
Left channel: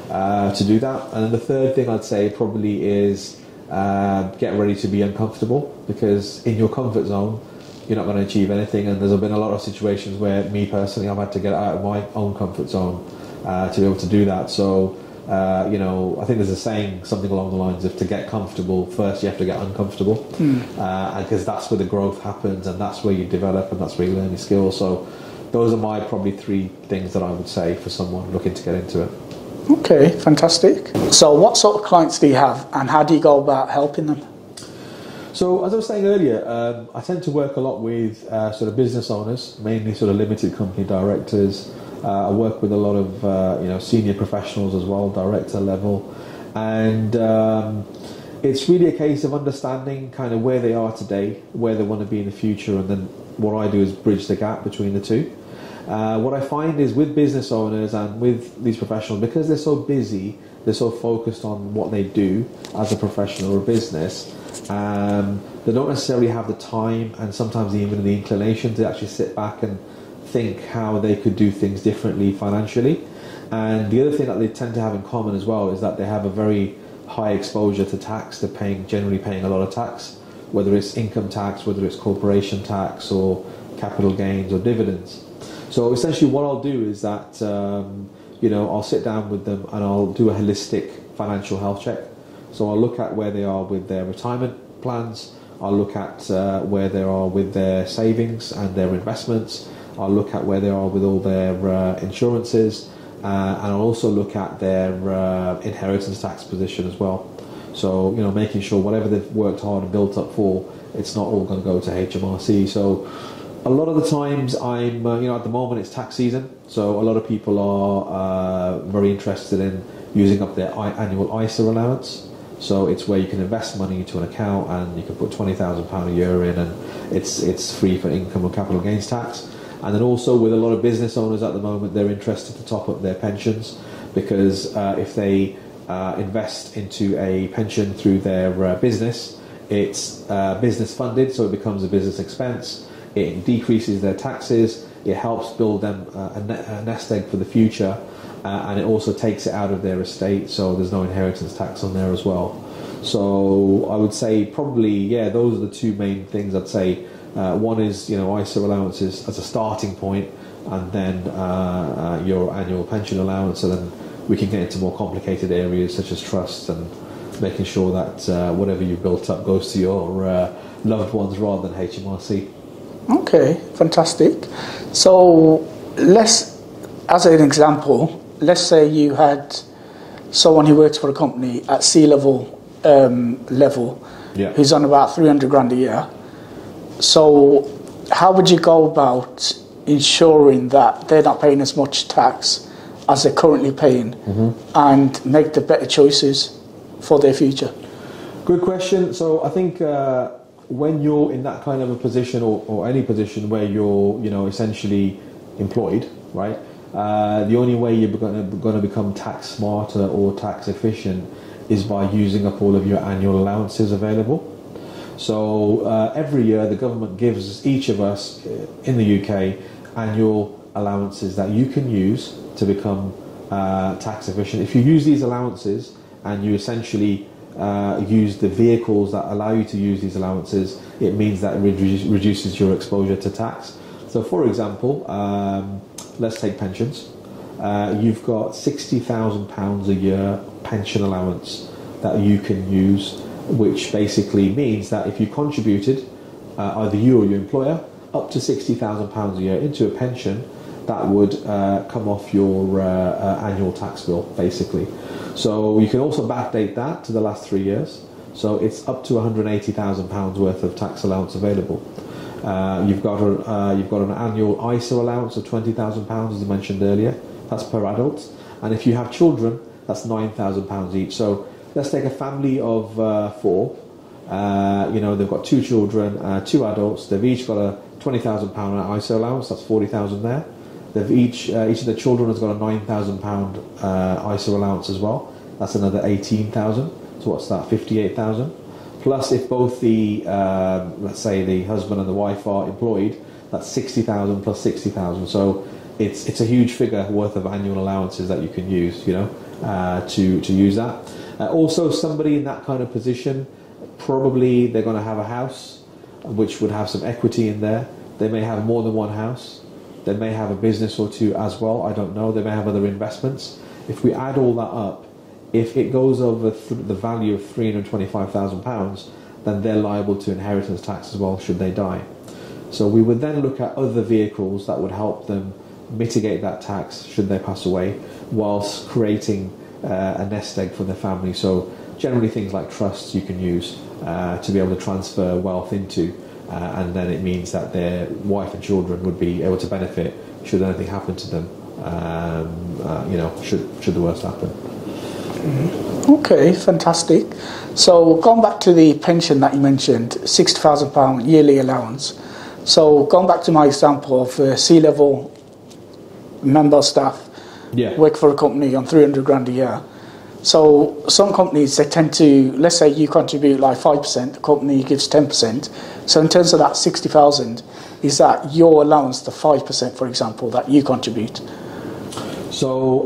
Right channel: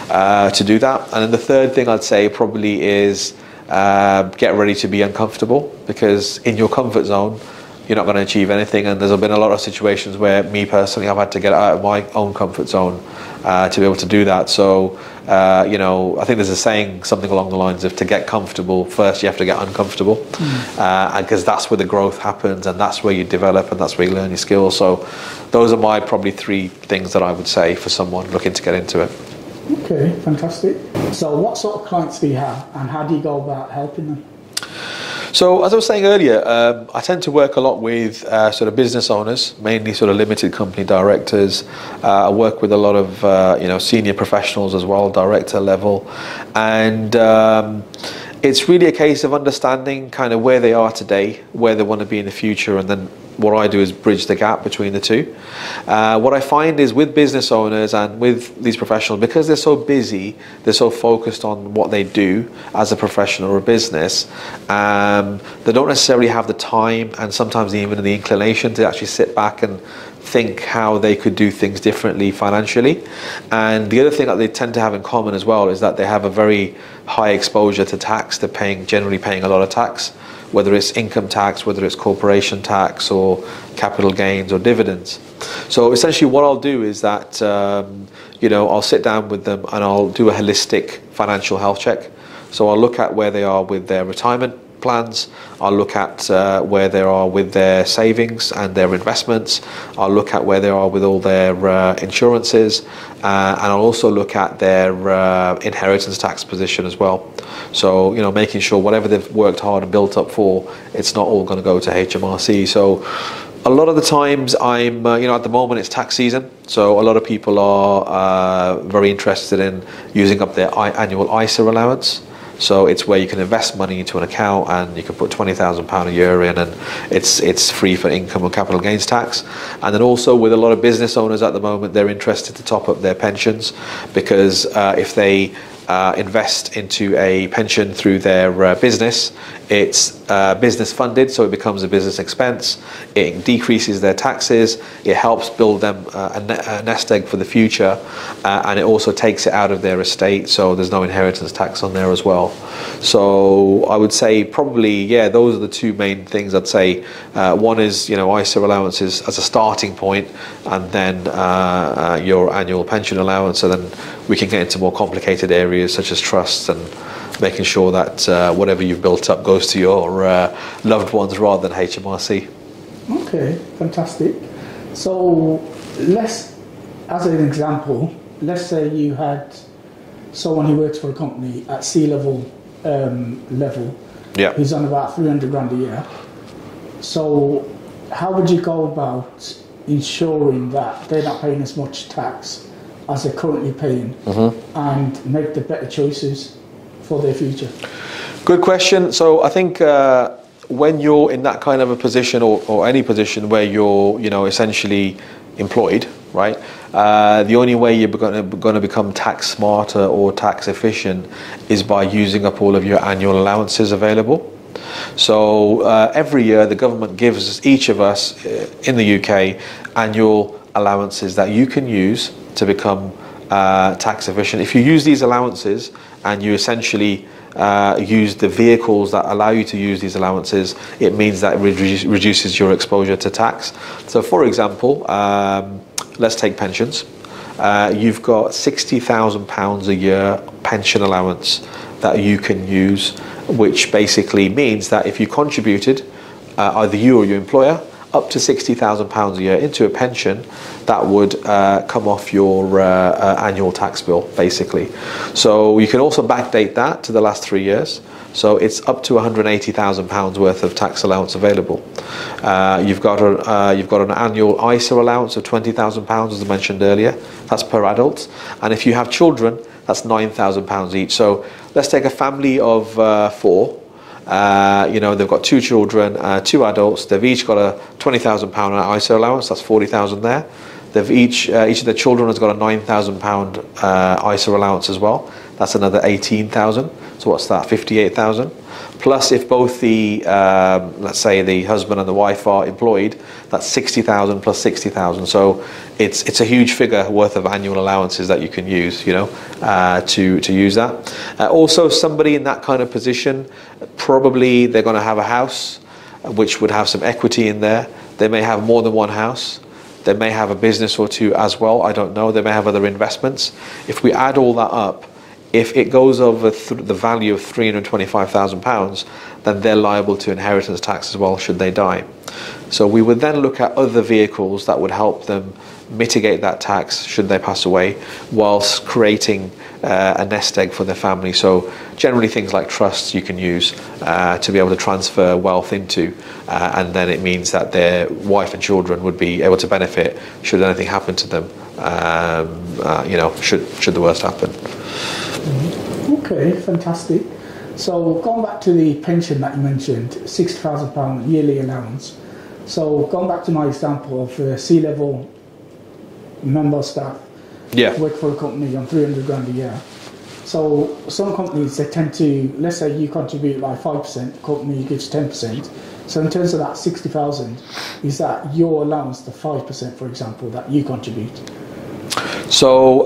to do that. And then the third thing I'd say probably is get ready to be uncomfortable, because in your comfort zone you're not going to achieve anything. And there's been a lot of situations where me personally, I've had to get out of my own comfort zone to be able to do that. So I think there's a saying, something along the lines of, to get comfortable first you have to get uncomfortable, because that's where the growth happens, and that's where you develop, and that's where you learn your skills. So those are my probably 3 things that I would say for someone looking to get into it. Okay, fantastic. So what sort of clients do you have, and how do you go about helping them? So as I was saying earlier, I tend to work a lot with sort of business owners, mainly sort of limited company directors. I work with a lot of senior professionals as well, director level, and it's really a case of understanding kind of where they are today, where they want to be in the future, and then what I do is bridge the gap between the two. What I find is with business owners and with these professionals, because they're so busy, they're so focused on what they do as a professional or a business, they don't necessarily have the time and sometimes even the inclination to actually sit back and think how they could do things differently financially. And the other thing that they tend to have in common as well is that they have a very high exposure to tax. They're generally paying a lot of tax, whether it's income tax, whether it's corporation tax or capital gains or dividends. So essentially what I'll do is that I'll sit down with them and I'll do a holistic financial health check. So I'll look at where they are with their retirement plans, I'll look at where they are with their savings and their investments, I'll look at where they are with all their insurances, and I'll also look at their inheritance tax position as well. So making sure whatever they've worked hard and built up for, it's not all going to go to HMRC. So a lot of the times I'm at the moment it's tax season, so a lot of people are very interested in using up their annual ISA allowance. So it's where you can invest money into an account and you can put £20,000 a year in, and it's free for income and capital gains tax. And then also with a lot of business owners at the moment, they're interested to top up their pensions, because if they invest into a pension through their business, it's business funded, so it becomes a business expense. It decreases their taxes. It helps build them a nest egg for the future, and it also takes it out of their estate, so there's no inheritance tax on there as well. So I would say probably, yeah, those are the two main things I'd say. One is, ISA allowances as a starting point, and then your annual pension allowance, and then we can get into more complicated areas such as trusts and making sure that whatever you've built up goes to your loved ones rather than HMRC. Okay, fantastic. So as an example, let's say you had someone who works for a company at C-level level, who's on about 300 grand a year. So how would you go about ensuring that they're not paying as much tax as they're currently paying, and make the better choices for their future? Good question. So I think when you're in that kind of a position, or any position where you're essentially employed, right? The only way you're going to become tax smarter or tax efficient is by using up all of your annual allowances available. So every year the government gives each of us in the UK annual allowances that you can use to become tax efficient. If you use these allowances and you essentially use the vehicles that allow you to use these allowances, it means that it reduces your exposure to tax. So for example, let's take pensions. You've got £60,000 a year pension allowance that you can use, which basically means that if you contributed, either you or your employer, up to £60,000 a year into a pension, that would come off your annual tax bill, basically. So you can also backdate that to the last 3 years. So it's up to £180,000 worth of tax allowance available. You've got an annual ISA allowance of £20,000, as I mentioned earlier. That's per adult. And if you have children, that's £9,000 each. So let's take a family of 4. They've got 2 children, 2 adults. They've each got a £20,000 ISA allowance. That's £40,000 there. They've each of their children has got a £9,000 ISA allowance as well. That's another £18,000. So what's that? £58,000. Plus, if both the let's say the husband and the wife are employed, that's £60,000 plus £60,000. So it's a huge figure worth of annual allowances that you can use, to use that. Also, somebody in that kind of position, probably they're going to have a house, which would have some equity in there. They may have more than one house. They may have a business or 2 as well. I don't know. They may have other investments. If we add all that up, if it goes over the value of £325,000, then they're liable to inheritance tax as well should they die. So we would then look at other vehicles that would help them mitigate that tax should they pass away, whilst creating a nest egg for their family. So generally things like trusts you can use to be able to transfer wealth into, and then it means that their wife and children would be able to benefit should anything happen to them, should the worst happen. Okay, fantastic. So going back to the pension that you mentioned, £60,000 yearly allowance. So going back to my example of C-level member staff, work for a company on 300 grand a year. So some companies, they tend to, let's say you contribute like 5%, the company gives 10%. So in terms of that 60,000, is that your allowance, the 5%, for example, that you contribute? So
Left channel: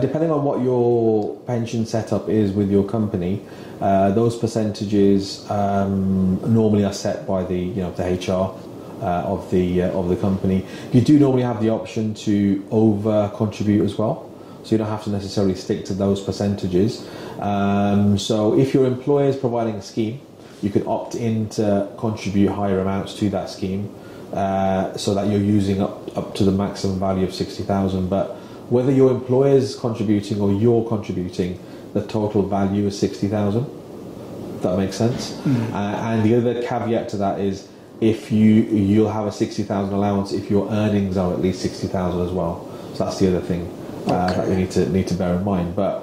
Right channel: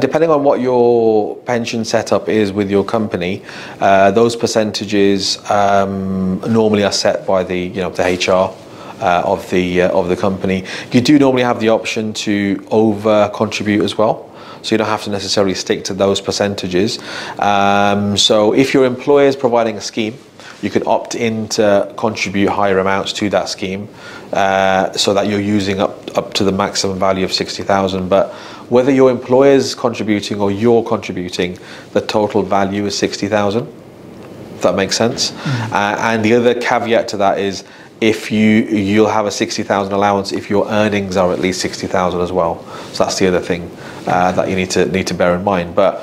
depending on what your pension setup is with your company, those percentages normally are set by the HR of the company. You do normally have the option to over contribute as well, so you don't have to necessarily stick to those percentages. So if your employer is providing a scheme, you can opt in to contribute higher amounts to that scheme, so that you're using up to the maximum value of 60,000. But whether your employer is contributing or you're contributing, the total value is 60,000. If that makes sense. And the other caveat to that is, if you'll have a 60,000 allowance if your earnings are at least 60,000 as well. So that's the other thing that you need to bear in mind. But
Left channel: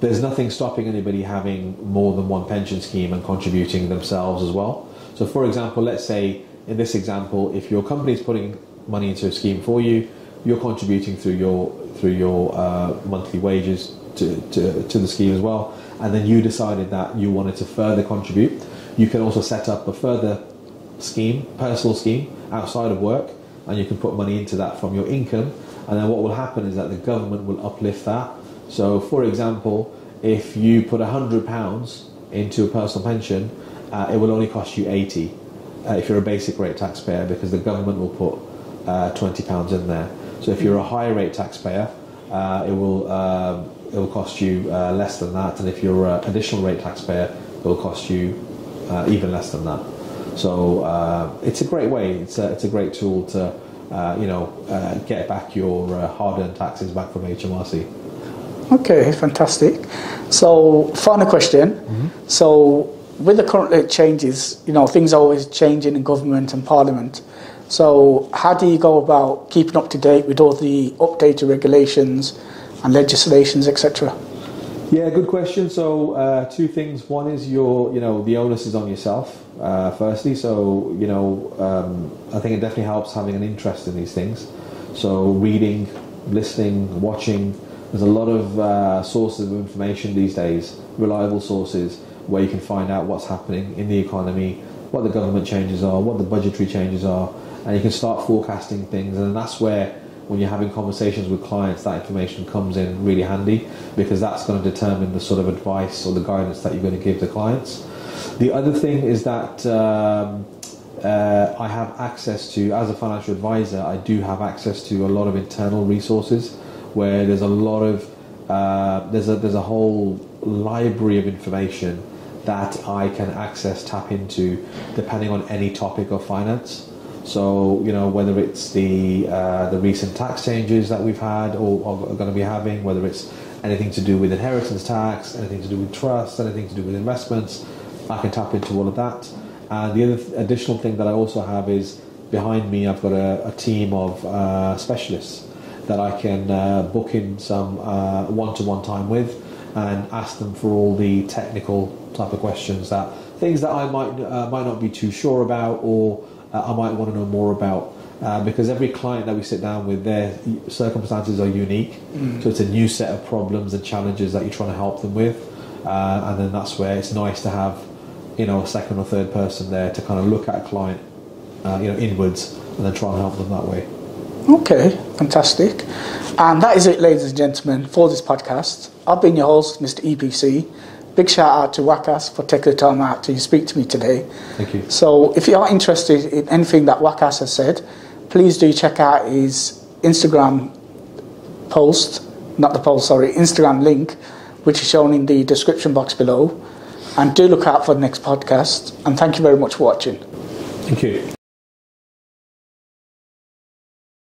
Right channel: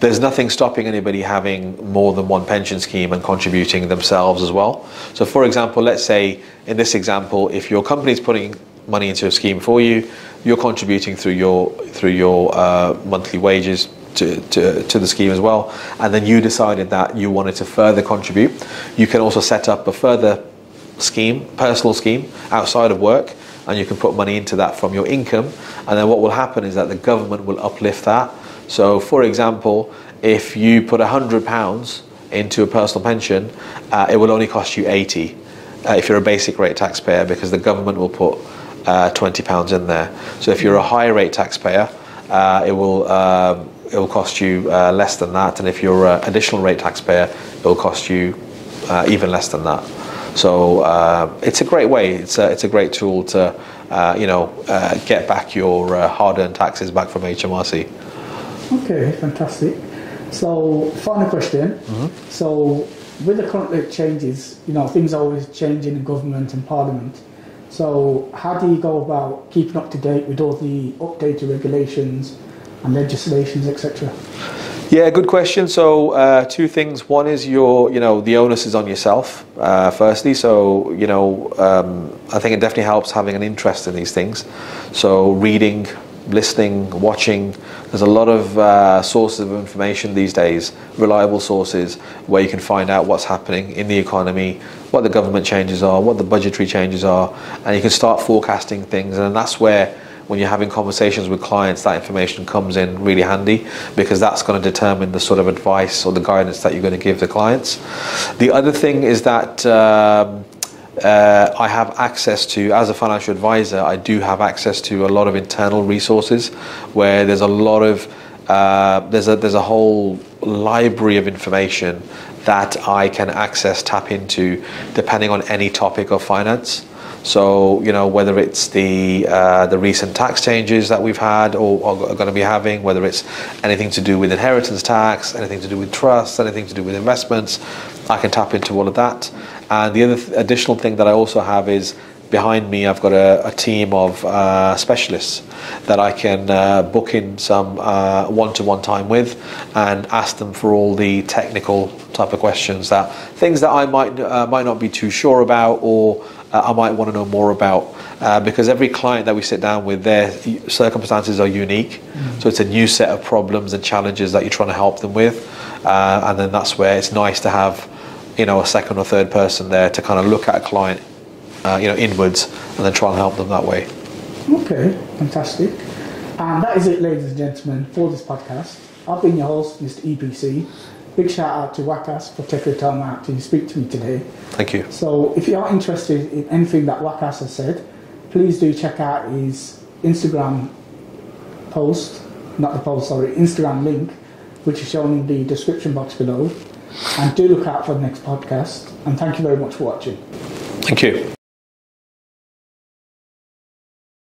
there's nothing stopping anybody having more than one pension scheme and contributing themselves as well. So for example, let's say in this example, if your company's putting money into a scheme for you, you're contributing through your monthly wages to the scheme as well, and then you decided that you wanted to further contribute, you can also set up a further scheme, personal scheme outside of work, and you can put money into that from your income, and then what will happen is that the government will uplift that. So for example, if you put £100 into a personal pension, it will only cost you 80 if you're a basic rate taxpayer, because the government will put £20 in there. So if you're a higher rate taxpayer, it will cost you less than that, and if you're an additional rate taxpayer, it will cost you even less than that. So it's a great way. It's a great tool to get back your hard-earned taxes back from HMRC. Okay, fantastic. So final question. So with the current changes, things are always changing in government and parliament. So how do you go about keeping up to date with all the updated regulations and legislations, etc.? Yeah, good question. So two things. One is the onus is on yourself, firstly. So, I think it definitely helps having an interest in these things. So reading, listening, watching. There's a lot of sources of information these days, reliable sources, where you can find out what's happening in the economy, what the government changes are, what the budgetary changes are, and you can start forecasting things. And that's where, when you're having conversations with clients, that information comes in really handy, because that's going to determine the sort of advice or the guidance that you're going to give the clients. The other thing is that I have access to, as a financial advisor, I do have access to a lot of internal resources, where there's a lot of there's a whole library of information that I can access, tap into, depending on any topic of finance. So, whether it's the recent tax changes that we've had or are going to be having, whether it's anything to do with inheritance tax, anything to do with trusts, anything to do with investments, I can tap into all of that. And the other additional thing that I also have is, behind me I've got a team of specialists that I can book in some one-to-one time with and ask them for all the technical type of questions, things that I might not be too sure about, or I might want to know more about, because every client that we sit down with, their circumstances are unique. So it's a new set of problems and challenges that you're trying to help them with, and then that's where it's nice to have a second or third person there to kind of look at a client inwards, and then try and help them that way. Okay, fantastic. And that is it, ladies and gentlemen, for this podcast. I've been your host, Mr. EPC. Big shout out to Waqas for taking the time out to speak to me today. Thank you. So if you are interested in anything that Waqas has said, please do check out his Instagram Instagram link, which is shown in the description box below. And do look out for the next podcast. And thank you very much for watching. Thank you.